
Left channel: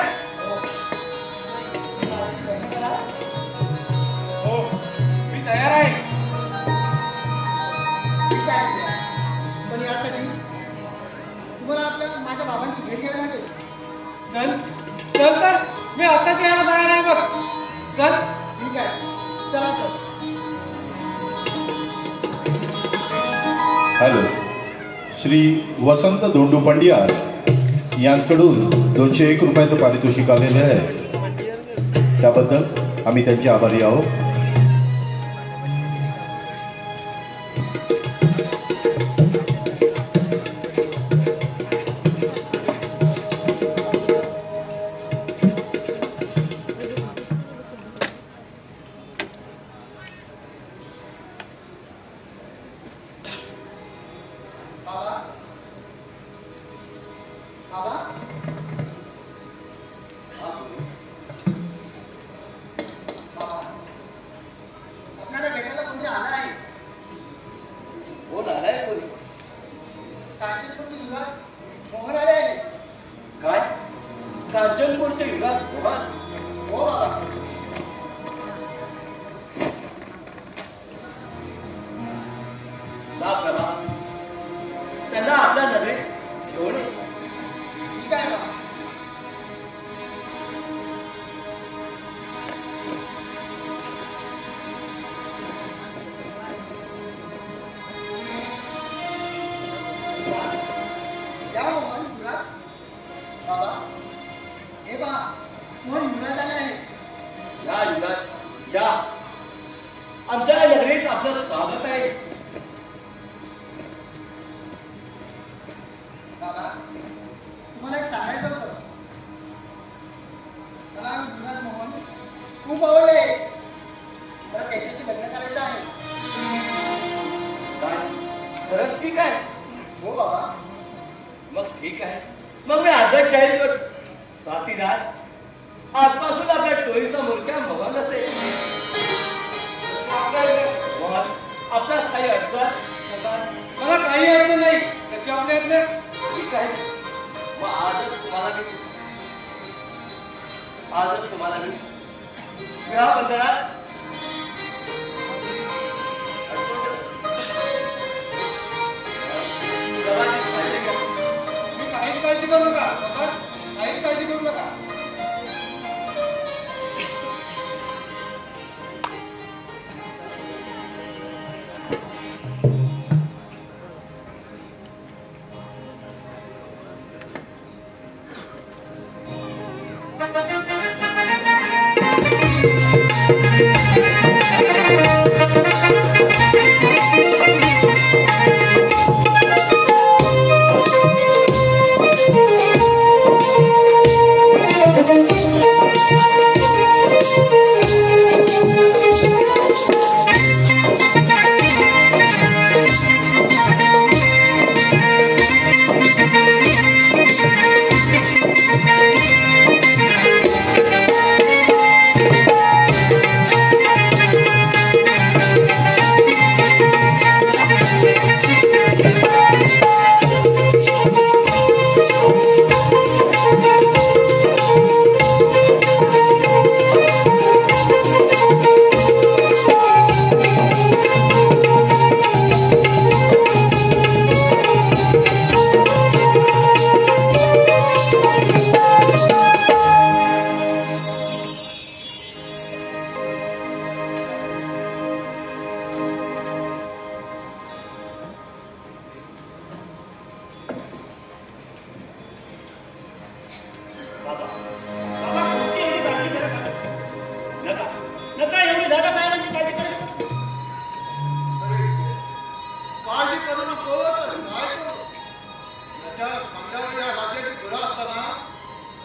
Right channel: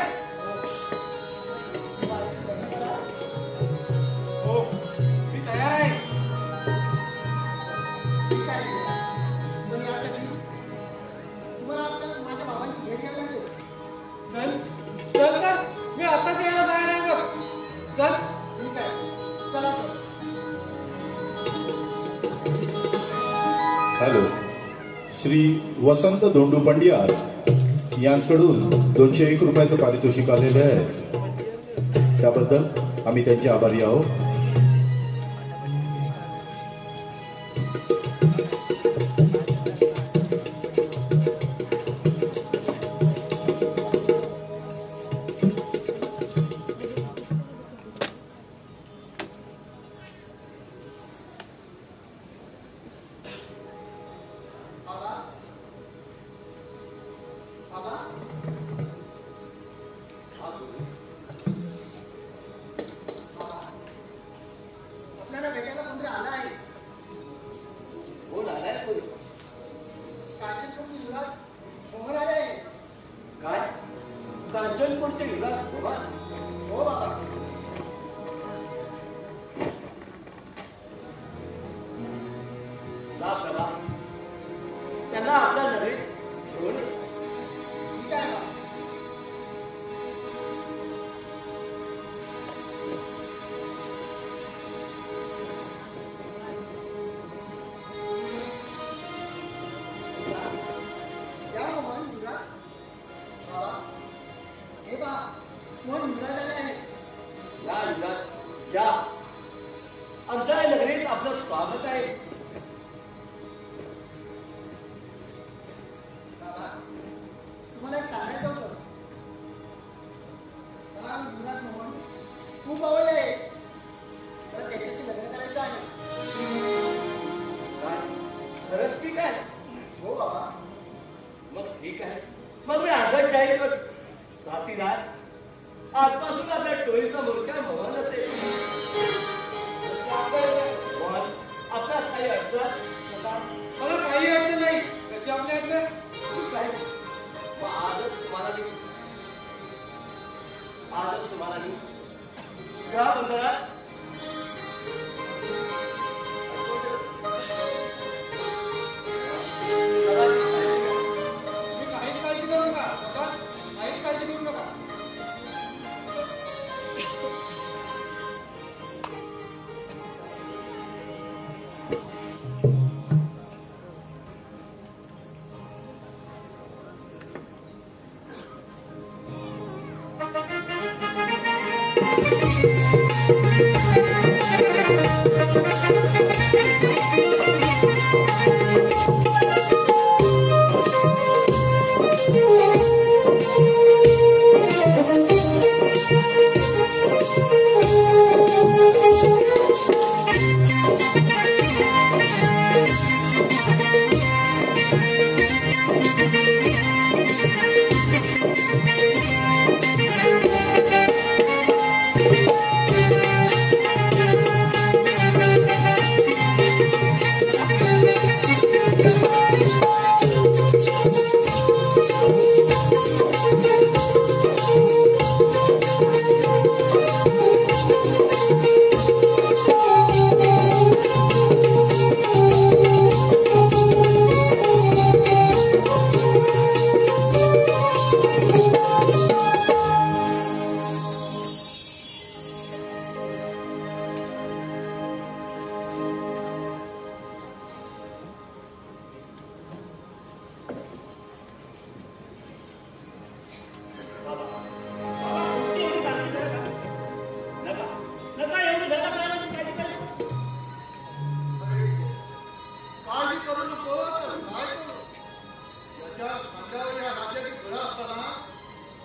लग्न करा. हो, मी तयार आहे. ठीक आहे. पण यासाठी तुम्हाला आपल्या माझ्या बाबांची भेट घ्यावी लागेल. चल चल तर मी आत्ताच यायला तयार आहे बघ. चल. ठीक आहे, चला तर. हॅलो, श्री वसंत धोंडू पंडियार यांच्याकडून 201 रुपयाचं पारितोषिक आलेलं आहे. त्याबद्दल आम्ही त्यांचे आभारी आहोत. बाबा, बाबा, बाबा, आपल्याला भेटायला कोणतरी आला आहे. कोण आलाय कोणी? कांचनपूरचे युवराज मोहन आले आहे. काय? कांचनपूरचे युवराज मोहन? हो बाबा. जा प्रभा, त्यांना आपल्या नगरीत घेऊन ये. ठीक आहे बाबा. या मोहन युवराज. बाबा, हे पहा, मोहन युवराज आले आहे. या युवराज, या. आमच्या नगरीत आपलं स्वागत आहे. बाबा, तुम्हाला एक सांगायचं होतं. मला युवराज मोहन खूप आवडले. मला त्याच्याशी लग्न करायचं आहे. काय? खरंच की काय? हो बाबा. मग ठीक आहे. मग मी आजच जाहीर करतो. साथीदार, आजपासून आपल्या टोळीचा मुरक्या मोहन असेल. मोहन, आपल्यास काही अडचण? मला काही अडचण नाही. कशी आपल्या आपल्या ठीक आहे. मग आजच तुम्हाला मी विवाहबंधनात मी काहीच काळजी करू नका. काहीच काळजी करू नका. ज्यांच्या खांद्यावर या राज्याची धुरा असताना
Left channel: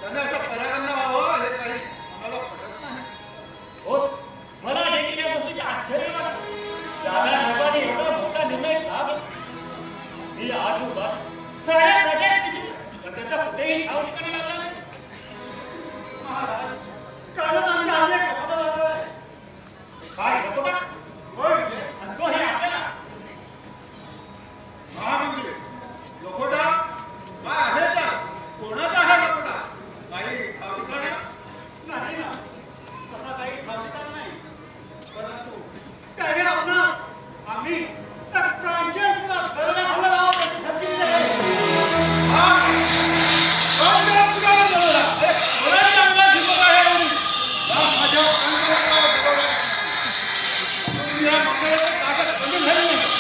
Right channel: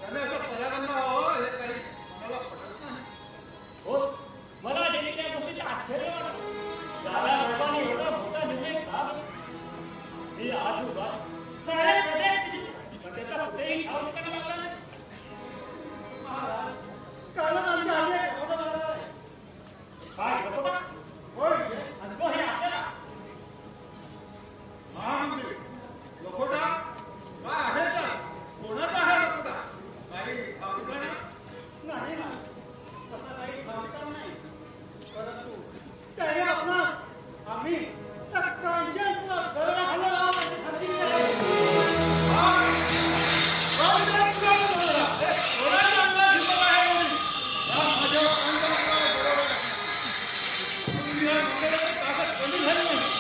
त्यांनी अशा पर्यायांना व्हावं हे काही मला पटत नाही. हो, मला देखील या गोष्टीचे आश्चर्य वाटलं. दादासाहेबांनी एवढा मोठा निर्णय का घेतला? मी आजूबाजू साऱ्या प्रदेश त्याचा कुठेही ठाव ठिकाणा लागला नाही. महाराज, कालच आमच्या हाती एक रकोटा लागला आहे. काय रकोटा? होय, आणि तो हे आपल्याला महामंत्री लकोटा काय आहे का? कोणाचा आहे लकोटा? काही ठाव ठिकाणा? नाही ना, तसा काही ठाव ठिकाणा नाही. परंतु काय रे आपला आम्ही त्या कांचनपुरात दरोडा घालायला हवा त्याची खात्री आहे. कोणाची अंगात हिंमत आहे एवढी? माझ्या अंगात तुम्ही या मंदिराची ताकद कमी झाली नाही.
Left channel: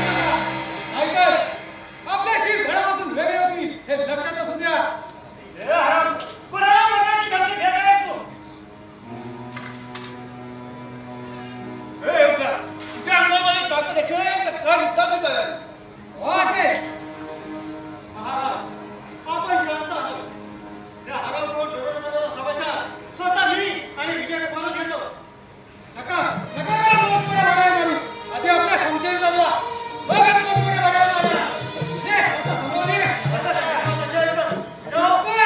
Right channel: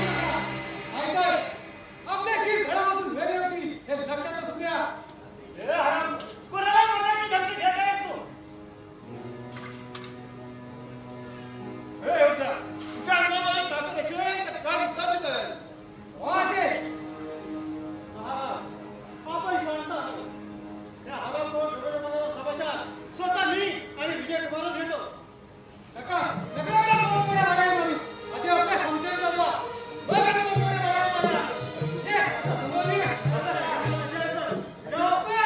नाहीतर आपल्या शिर धडापासून वेगळी होती हे लक्षात असू द्या. हे हराम, कोणाला मरणाची धमकी देत आहेस तू? हे योग्य. तुझ्या अंगामध्ये ताकद असेल तर का युद्धाची तयारी? हो असे महाराज, आपण शांत आहोत. त्या हरामखोर दरोडेखोराला सापडणार स्वतः मी आणि विजय कुमारच घेतो. नका नका लोकपुढे लढाई मारू. आधी आपल्या संशय चालवा. बघा लोकपुढे लढाई मारा. जे असं समजलं नाही का? असं काय असेल तर जाऊ. पण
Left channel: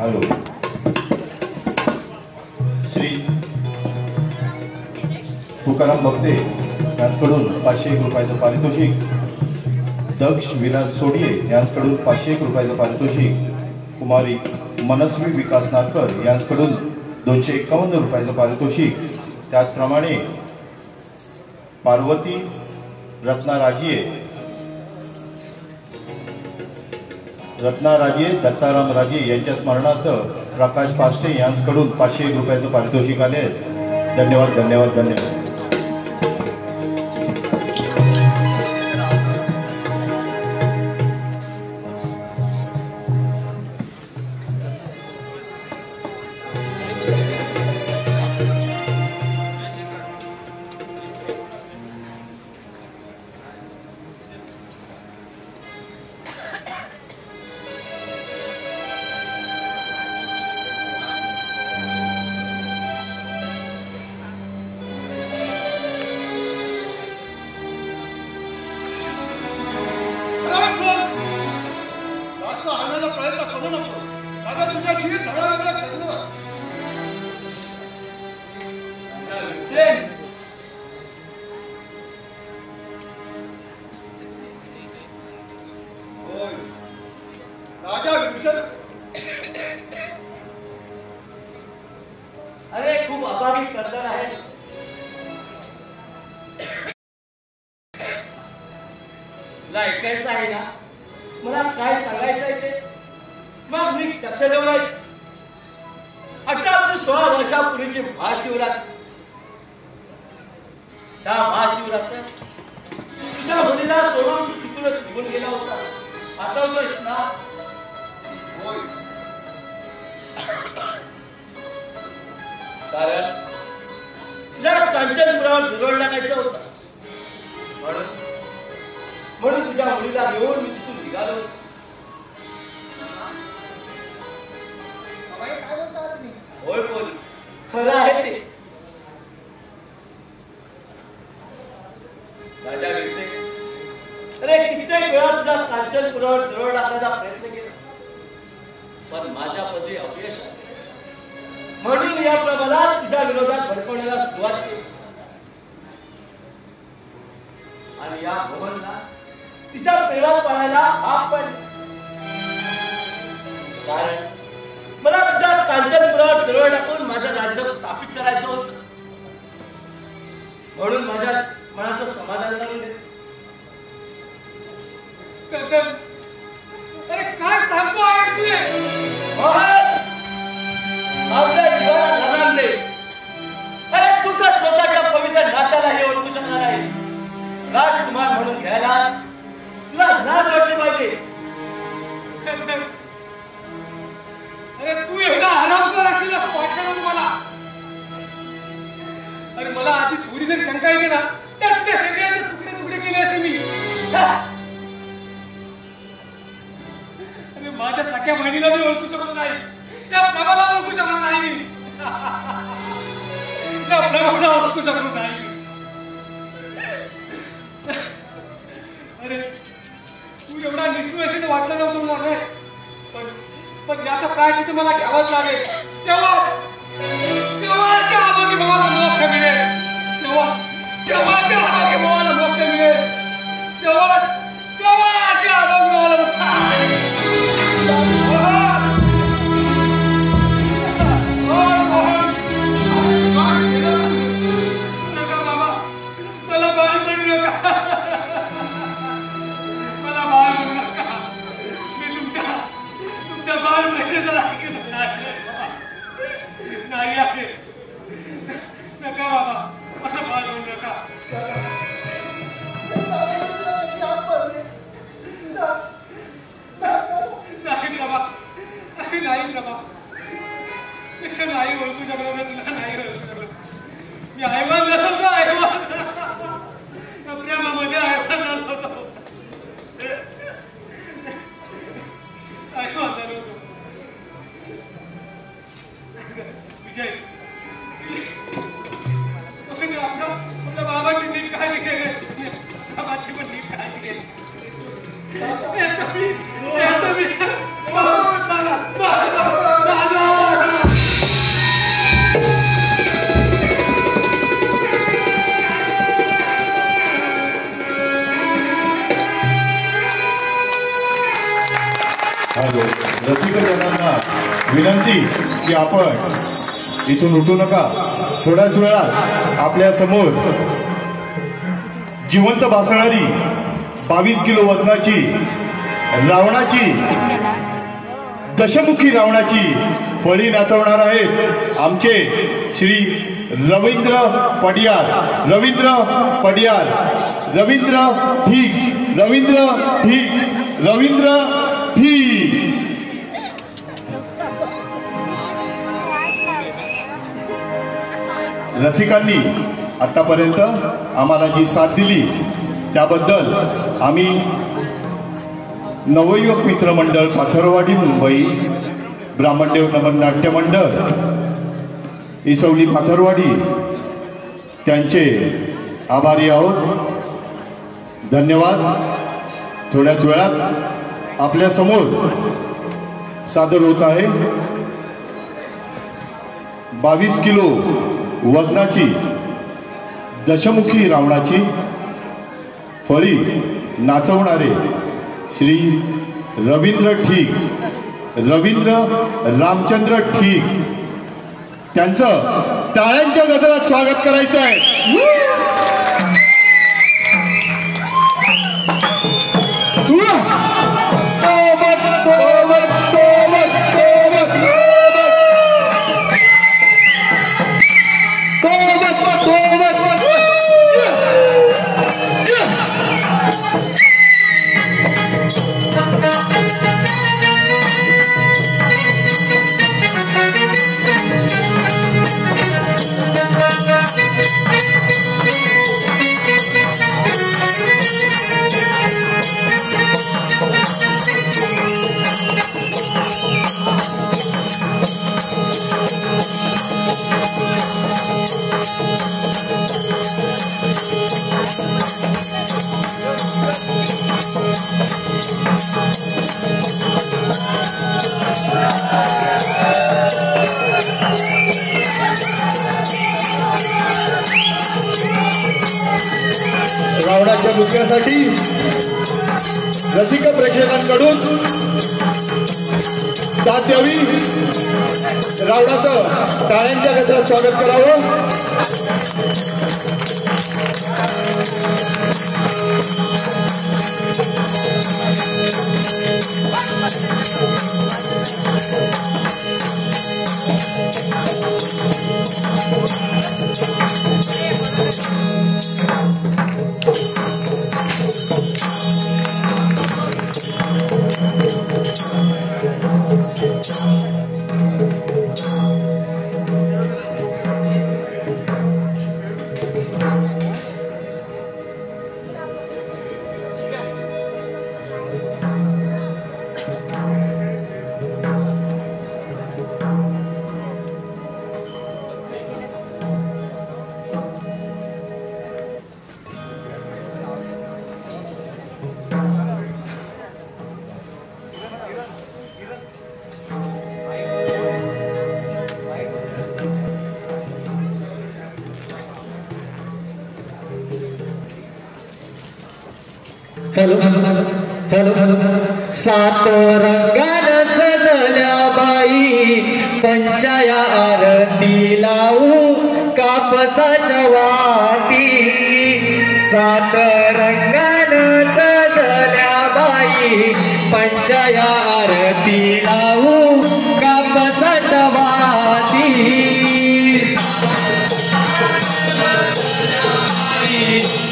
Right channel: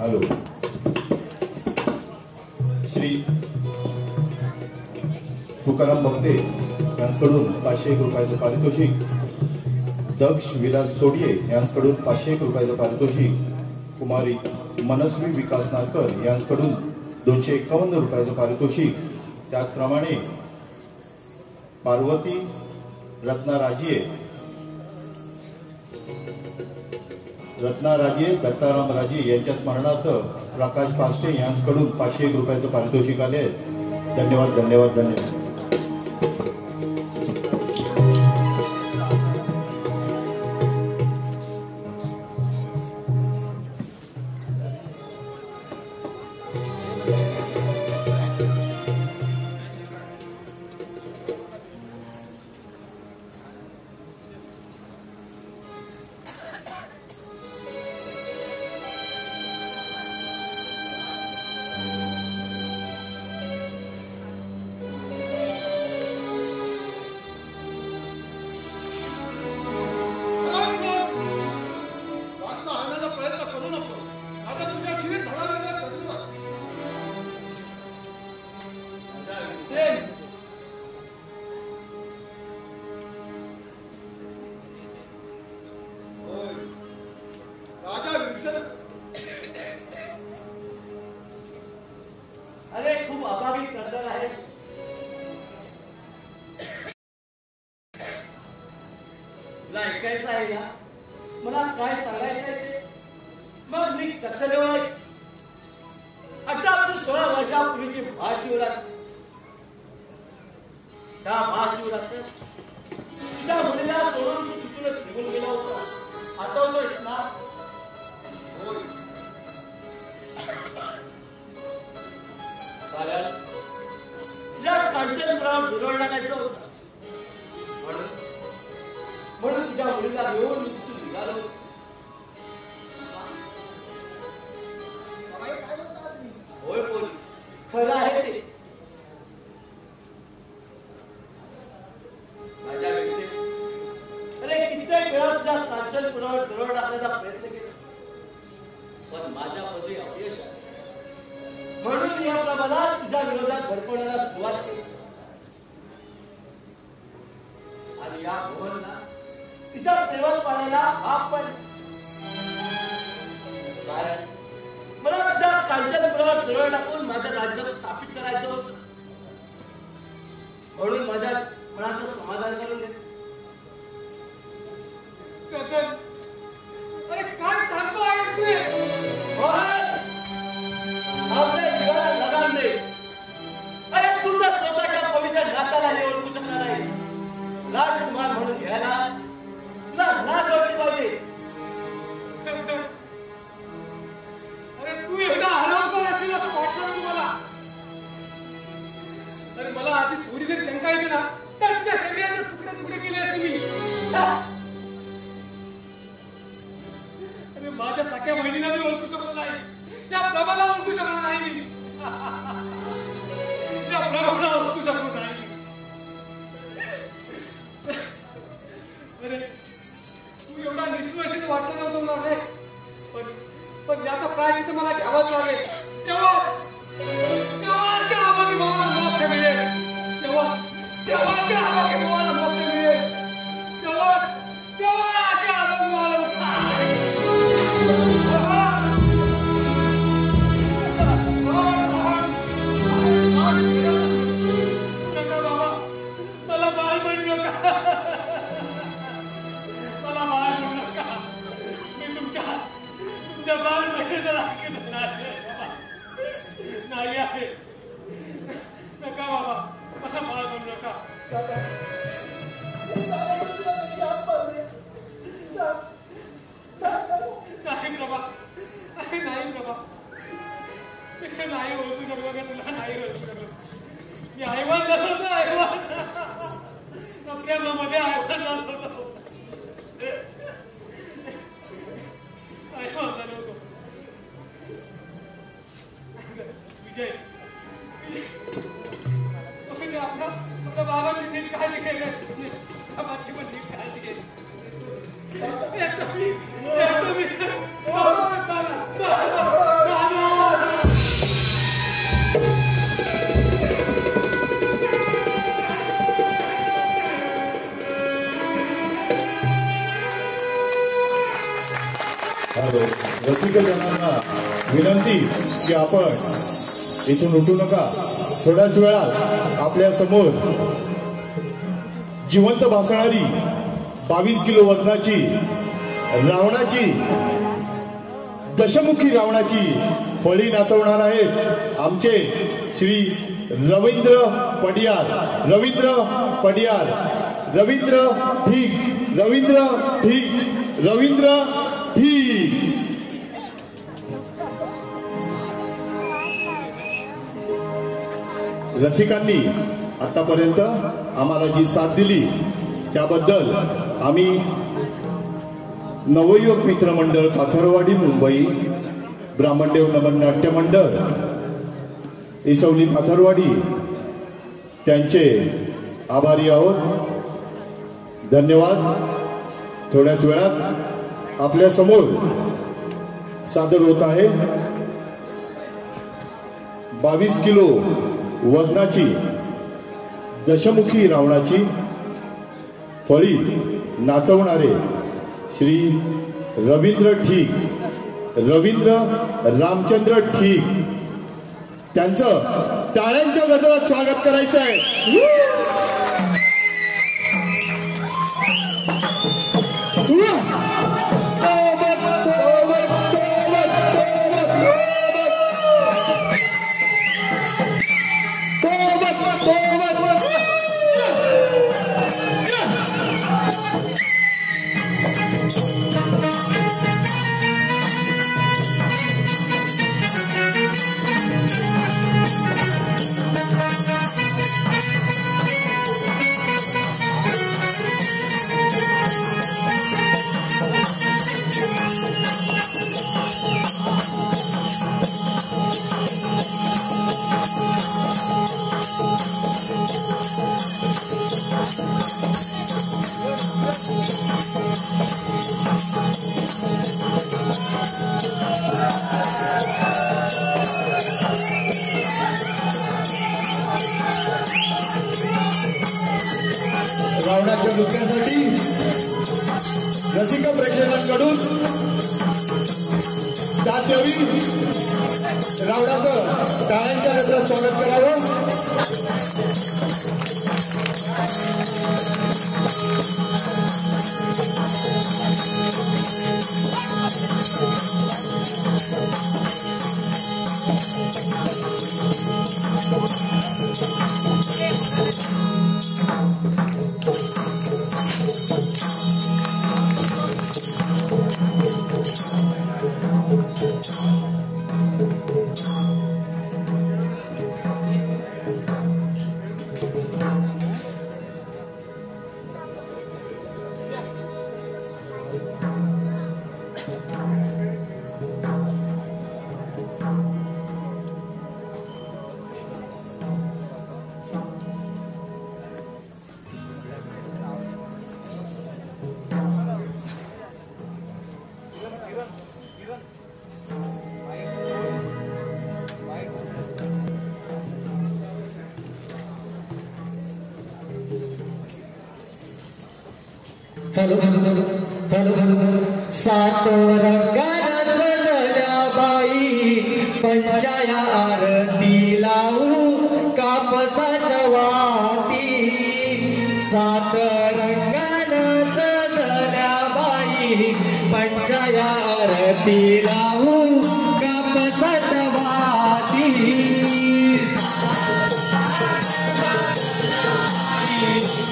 हॅलो. श्री तुकाराम भक्ते यांच्याकडून 501 रुपयाचं पारितोषिक. दक्ष विलास सोडिये यांच्याकडून 501 रुपयाचं पारितोषिक. कुमारी मनस्वी विकास नाटकर यांच्याकडून 251 रुपयाचं पारितोषिक. त्याचप्रमाणे पार्वती रत्ना राजे दत्ताराम राजे यांच्या स्मरणार्थ प्रकाश पाष्टे यांच्याकडून 501 रुपयाचं पारितोषिक आले आहे. धन्यवाद धन्यवाद धन्यवाद. अरे खूप अभावी कर्तव्य आहे. तुला ऐकायचं आहे ना, मला काय सांगायचं आहे ते. मग मी लक्ष देऊ नाही. आता 16 वर्षापूर्वीची महाशिवरात्र, त्या महाशिवरात्र तुझ्या मुलीला सोडून तू तिथूनच निघून गेला होता. आठवतोयस ना? होय. कारण तुझ्या कांचनपुरावर दुरळ टाकायचं होतं, म्हणून तुझ्या मुलीला घेऊन मी तिथून निघालो. काय बोलता तुम्ही? होय पोली, खरं आहे ते. राजा विरसे, अरे कित्येक वेळा तुझ्या कांचनपुरावर दुरळ टाकण्याचा प्रयत्न केला, पण माझ्या पदी अपयश आले. म्हणून या प्रमाणात तुझ्या विरोधात भडकवण्याला सुरुवात केली. आणि या मोहनला तिच्या प्रेमात पडायला भाग पडले. कारण मला तुझ्या कांचनपुरावर दरड टाकून माझं राज्य स्थापित करायचं होतं. म्हणून माझ्या मनाचं समाधान करून दे. अरे काय सांगतो आहे तू? आपल्या जीवाला लगाम दे. अरे तू तर स्वतःच्या पवित्र नात्यालाही ओळखू शकणार नाहीस. राजकुमार म्हणून घ्यायला तुला लाज वाटली पाहिजे. अरे तू एवढा हरामखोर असेल असं वाटलं ना तुम्हाला? अरे मला आधी थोडी जरी शंका येते ना, तर त्या शरीराचे तुकडे तुकडे केले असे मी. अरे माझ्या सख्या बहिणीला मी ओळखू शकलो नाही, त्या प्रभाला ओळखू शकलो नाही मी. त्या प्रभाला ओळखू शकलो नाही. अरे तू एवढा निष्ठुर असेल वाटलं नव्हतं मला रे. पण याचा प्रायश्चित्त मला घ्यावाच लागेल. तेव्हाच्या आम्हाला मला मोक्ष मिळेल. तेव्हाच्या आम्हाला मला मोक्ष मिळेल. तेव्हाच्या आम्हाला नका बाबा, मला बाळ म्हणू नका. मला बाळ म्हणू नका. मी तुमच्या बाळ महिन्याचा ऐकत नाही आहे. नका बाबा, मला बाळ म्हणू नका. नाही प्रभा, नाही प्रभा, नाही ओळखू शकलो मी तुला. नाही ओळखू शकलो. मी आयवान झालो होतो. आयवान प्रेमामध्ये आयवान झालो होतो. आयवान झालो होतो. विजय, आपल्या बाबांची नीट काळजी घे. बाबांची पण नीट काळजी घे. येतो मी. हॅलो, रसिकजनांना विनंती की आपण इथून उठू नका. थोड्याच वेळात आपल्या समोर जिवंत भासणारी 22 किलो वजनाची रावणाची दशमुखी रावणाची फळी नाचवणार आहेत आमचे श्री रवींद्र पडियार. रवींद्र पडियार, रवींद्र ठीक, रवींद्र ठीक, रवींद्र ठीक. रसिकांनी आतापर्यंत आम्हाला जी साथ दिली त्याबद्दल आम्ही नवयुवक मित्रमंडळ पाथरवाडी मुंबई, ब्राह्मणदेव नमन नाट्य मंडळ इसवली पाथरवाडी त्यांचे आभारी आहोत. धन्यवाद. थोड्याच वेळात आपल्या समोर सादर होत आहे 22 किलो वजनाची दशमुखी रावणाची फळी नाचवणारे श्री रवींद्र ठीक, रवींद्र रामचंद्र ठीक त्यांचं टाळ्यांच्या गजरात स्वागत करायचं आहे. रावणाच्या नृत्यासाठी रसिक प्रेक्षकांकडून साथ द्यावी. रावणाचं टाळ्यांच्या गजरात स्वागत करावं. हॅलो हॅलो सात रंगान सजल्या बाई पंचाया आरती लावू कापसाच्या वाती. सात रंगान सजल्या बाई पंचाया आरती लावू कापसाच्या वाती.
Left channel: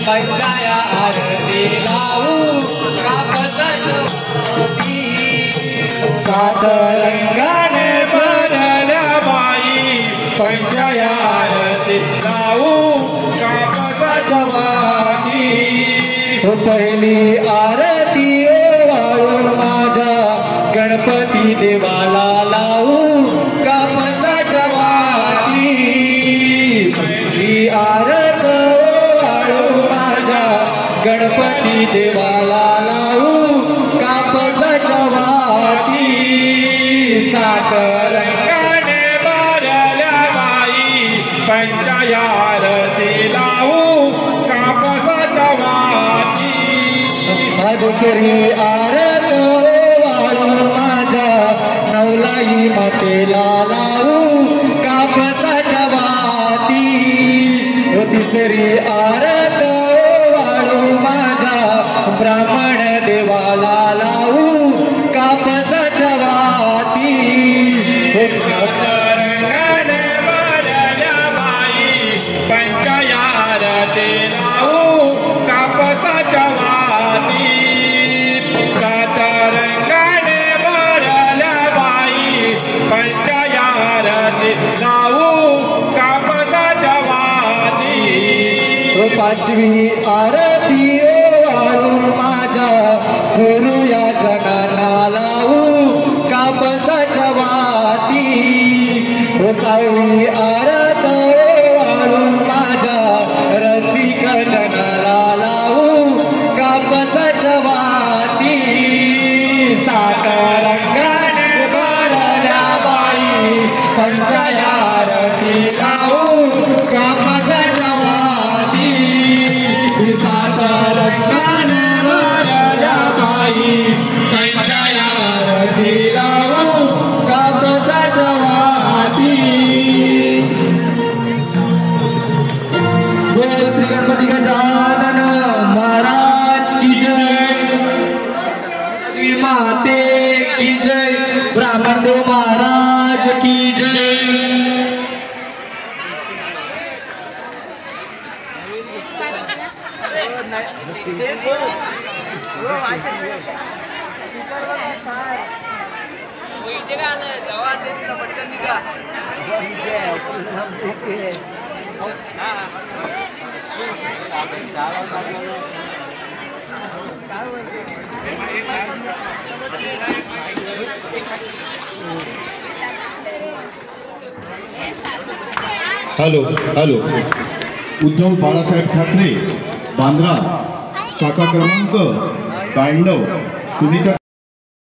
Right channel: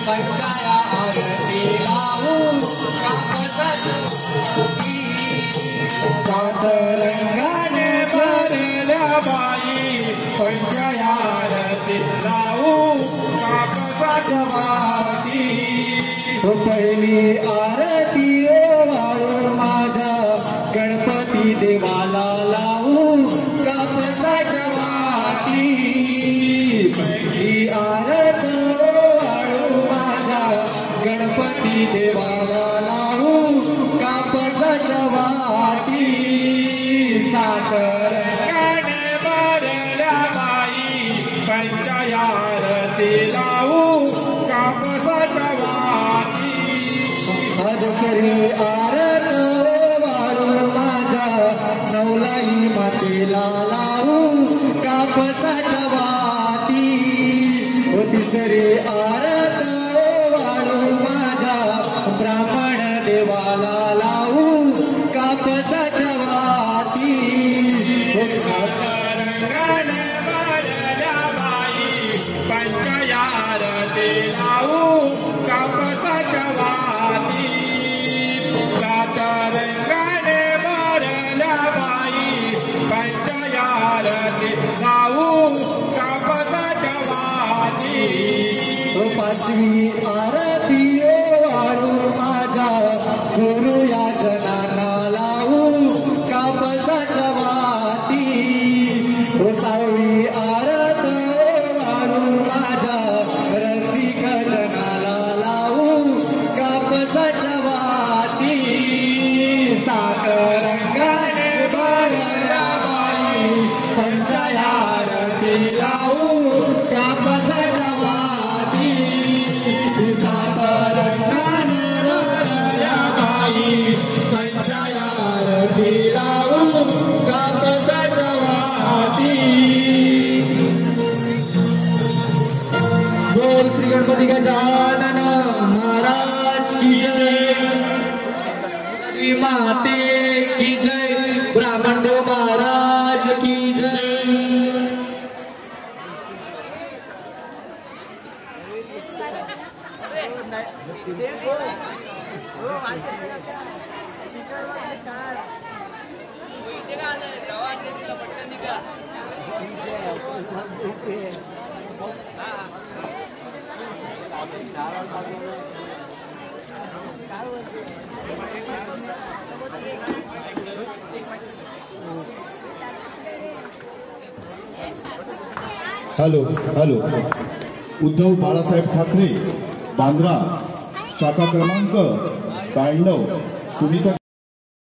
पंचाया आरती लावू कापसाच्या वाती. सात रंगाने सजल्या बाई पंचाया आरती लावू कापसाच्या वाती. पहिली आरती ओवाळून माझा गणपती देवाला लावू कापसाच्या वाती. पहिली आरती ओवाळून माझ्या गणपती देवाला लावू कापसाच्या वाती. सात रंगाने भरल्या बाई पंचाया आरती लावू कापसाच्या वाती. दुसरी आरती ओवाळून केसरी आरत वाळू माझा ब्राह्मण देवाला लावू कापसाच्या वाती रंगण भरल्या बाई पंचाया आरती लावू कापसाच्या वाती सात रंगण भरल्या बाई पंचाया आरती लावू कापसाच्या वाती पाचवी आरती वाळू माझ्या गुरु या जनाना लावू कापसाच्या वाती सहावी आरत वाळू माझ्या रसिक जनाला लावू कापसाच्या वाती सात रंगाने भरल्या बाई पंचाया आरती लावू कापसाच्या वाती सात रंगाने भरल्या बाई पंचाया आरती लावू कापसाच्या वाती बोल श्री गणपती गजानन महाराज की जय श्री माते की जय ब्राह्मण देव महाराज की जय हॅलो हॅलो उद्धव बाळासाहेब ठाकरे बांद्रा शाखा क्रमांक 92 सुनीता